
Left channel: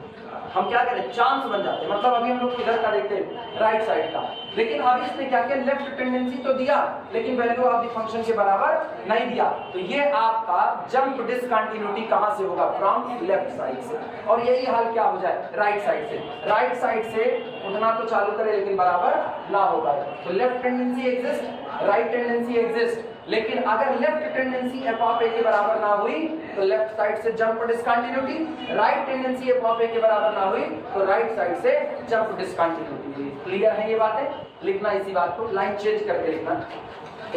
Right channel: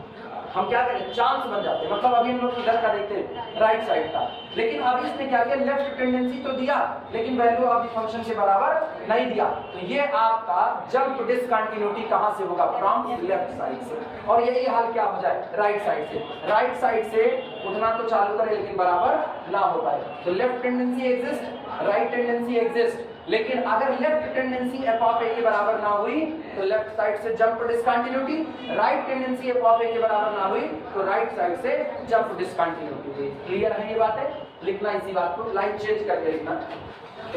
हम क्या करें, चांस बन जाते, मतलब अभी हम लोग इधर का देखते हैं राइट साइड का, लेकिन अभी इसने क्या किया, लेफ्ट टेंडेंसी तो दिया लेकिन वैल्यू ऑफ द फंक्शन के बराबर नहीं दिया। तो ये आपका जंप डिसकंटिन्यूटी कहां से होगा, फ्रॉम लेफ्ट साइड से, और यही हाल क्या हो जाए राइट साइड से। राइट साइड से उतना तो चालू करे लेकिन बराबर ना हो पाए। तो left tendency exist, right tendency exist, लेकिन अगर left tendency F of A के बराबर ना हुई तो लेफ्ट साइड से jump discontinuity, right tendency F of A के बराबर ना हुई तो राइट साइड से जंप डिसकंटिन्यूटी हुई। क्लियर है ये बातें, लिखना इसी बात को, लाइन चेंज करके लिखना,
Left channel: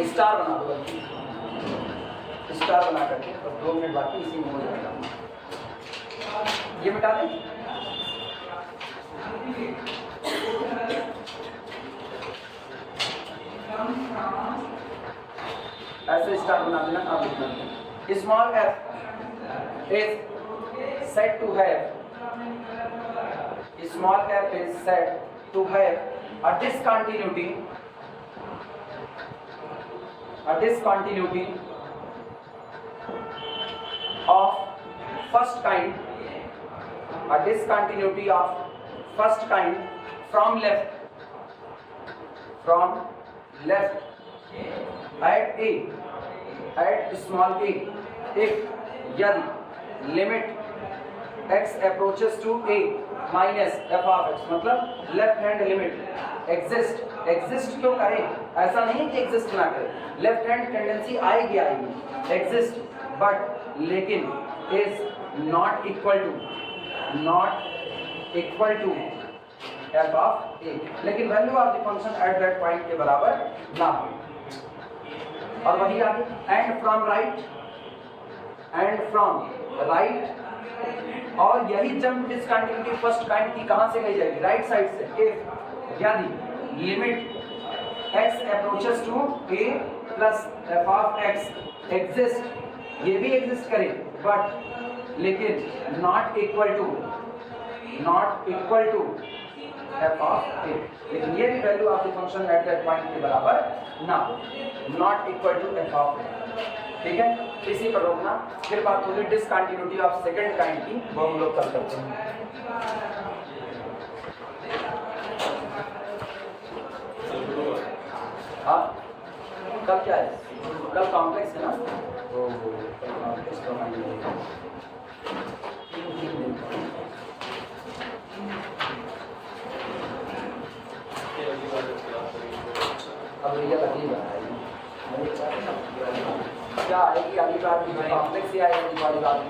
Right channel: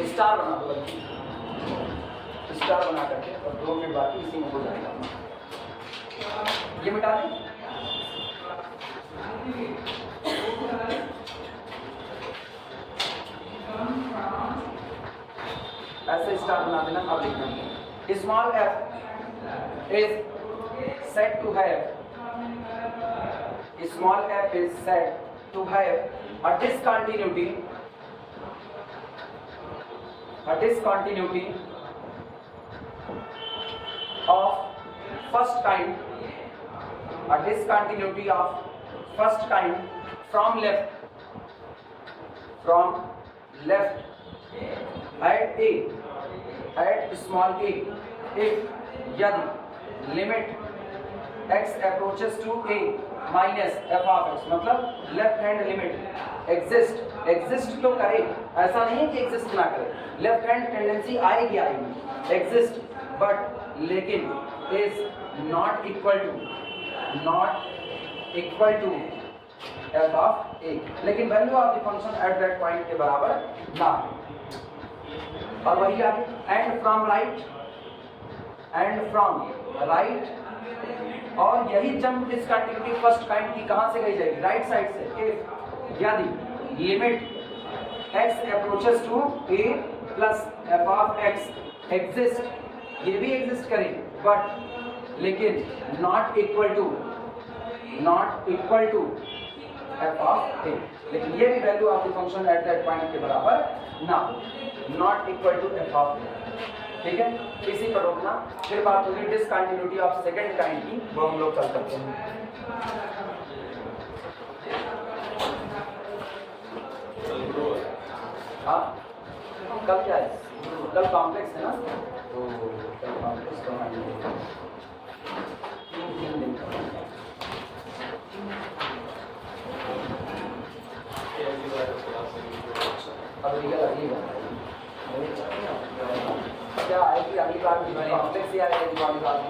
स्टार बना दो, स्टार बना करके, और 2 मिनट बाकी इसी में हो जाएगा। ये मिटा दें, ऐसे स्टार बना देना। अब लिखना small f is set to have, small f is set to have a discontinuity of first kind, a discontinuity of first kind from left at a, at small a, if यदि limit x approaches to a minus f of x, मतलब left hand limit exist तो करे, ऐसा नहीं है कि exist ना करे, लेफ्ट हैंड टेंडेंसी आएगी एग्जिस्ट, बट लेकिन is not equal to f of a, लेकिन value of the function at that point के बराबर ना हो। और वही आगे एंड फ्रॉम राइट, और यही जंप डिसकंटिन्यूटी फर्स्ट काइंड की कहां से गई जाएगी, राइट साइड से। इफ यदि limit x approaches to a plus f of x exist, ये भी एग्जिस्ट करे बट लेकिन not equal to f of a, लेकिन ये भी value of the function at that point के बराबर ना, not equal to f of a। ठीक है, इसी पर रोकना, फिर बात होगी डिसकंटिन्यूटी ऑफ सेकंड काइंड की, वो हम लोग कल करते हैं। हाँ, कल क्या है, कल कॉम्प्लेक्स है ना, कल कॉम्प्लेक्स करना, अब रियल अजीब है क्या आएगी अगली बार की, कॉम्प्लेक्स ही आएगी वाली बात।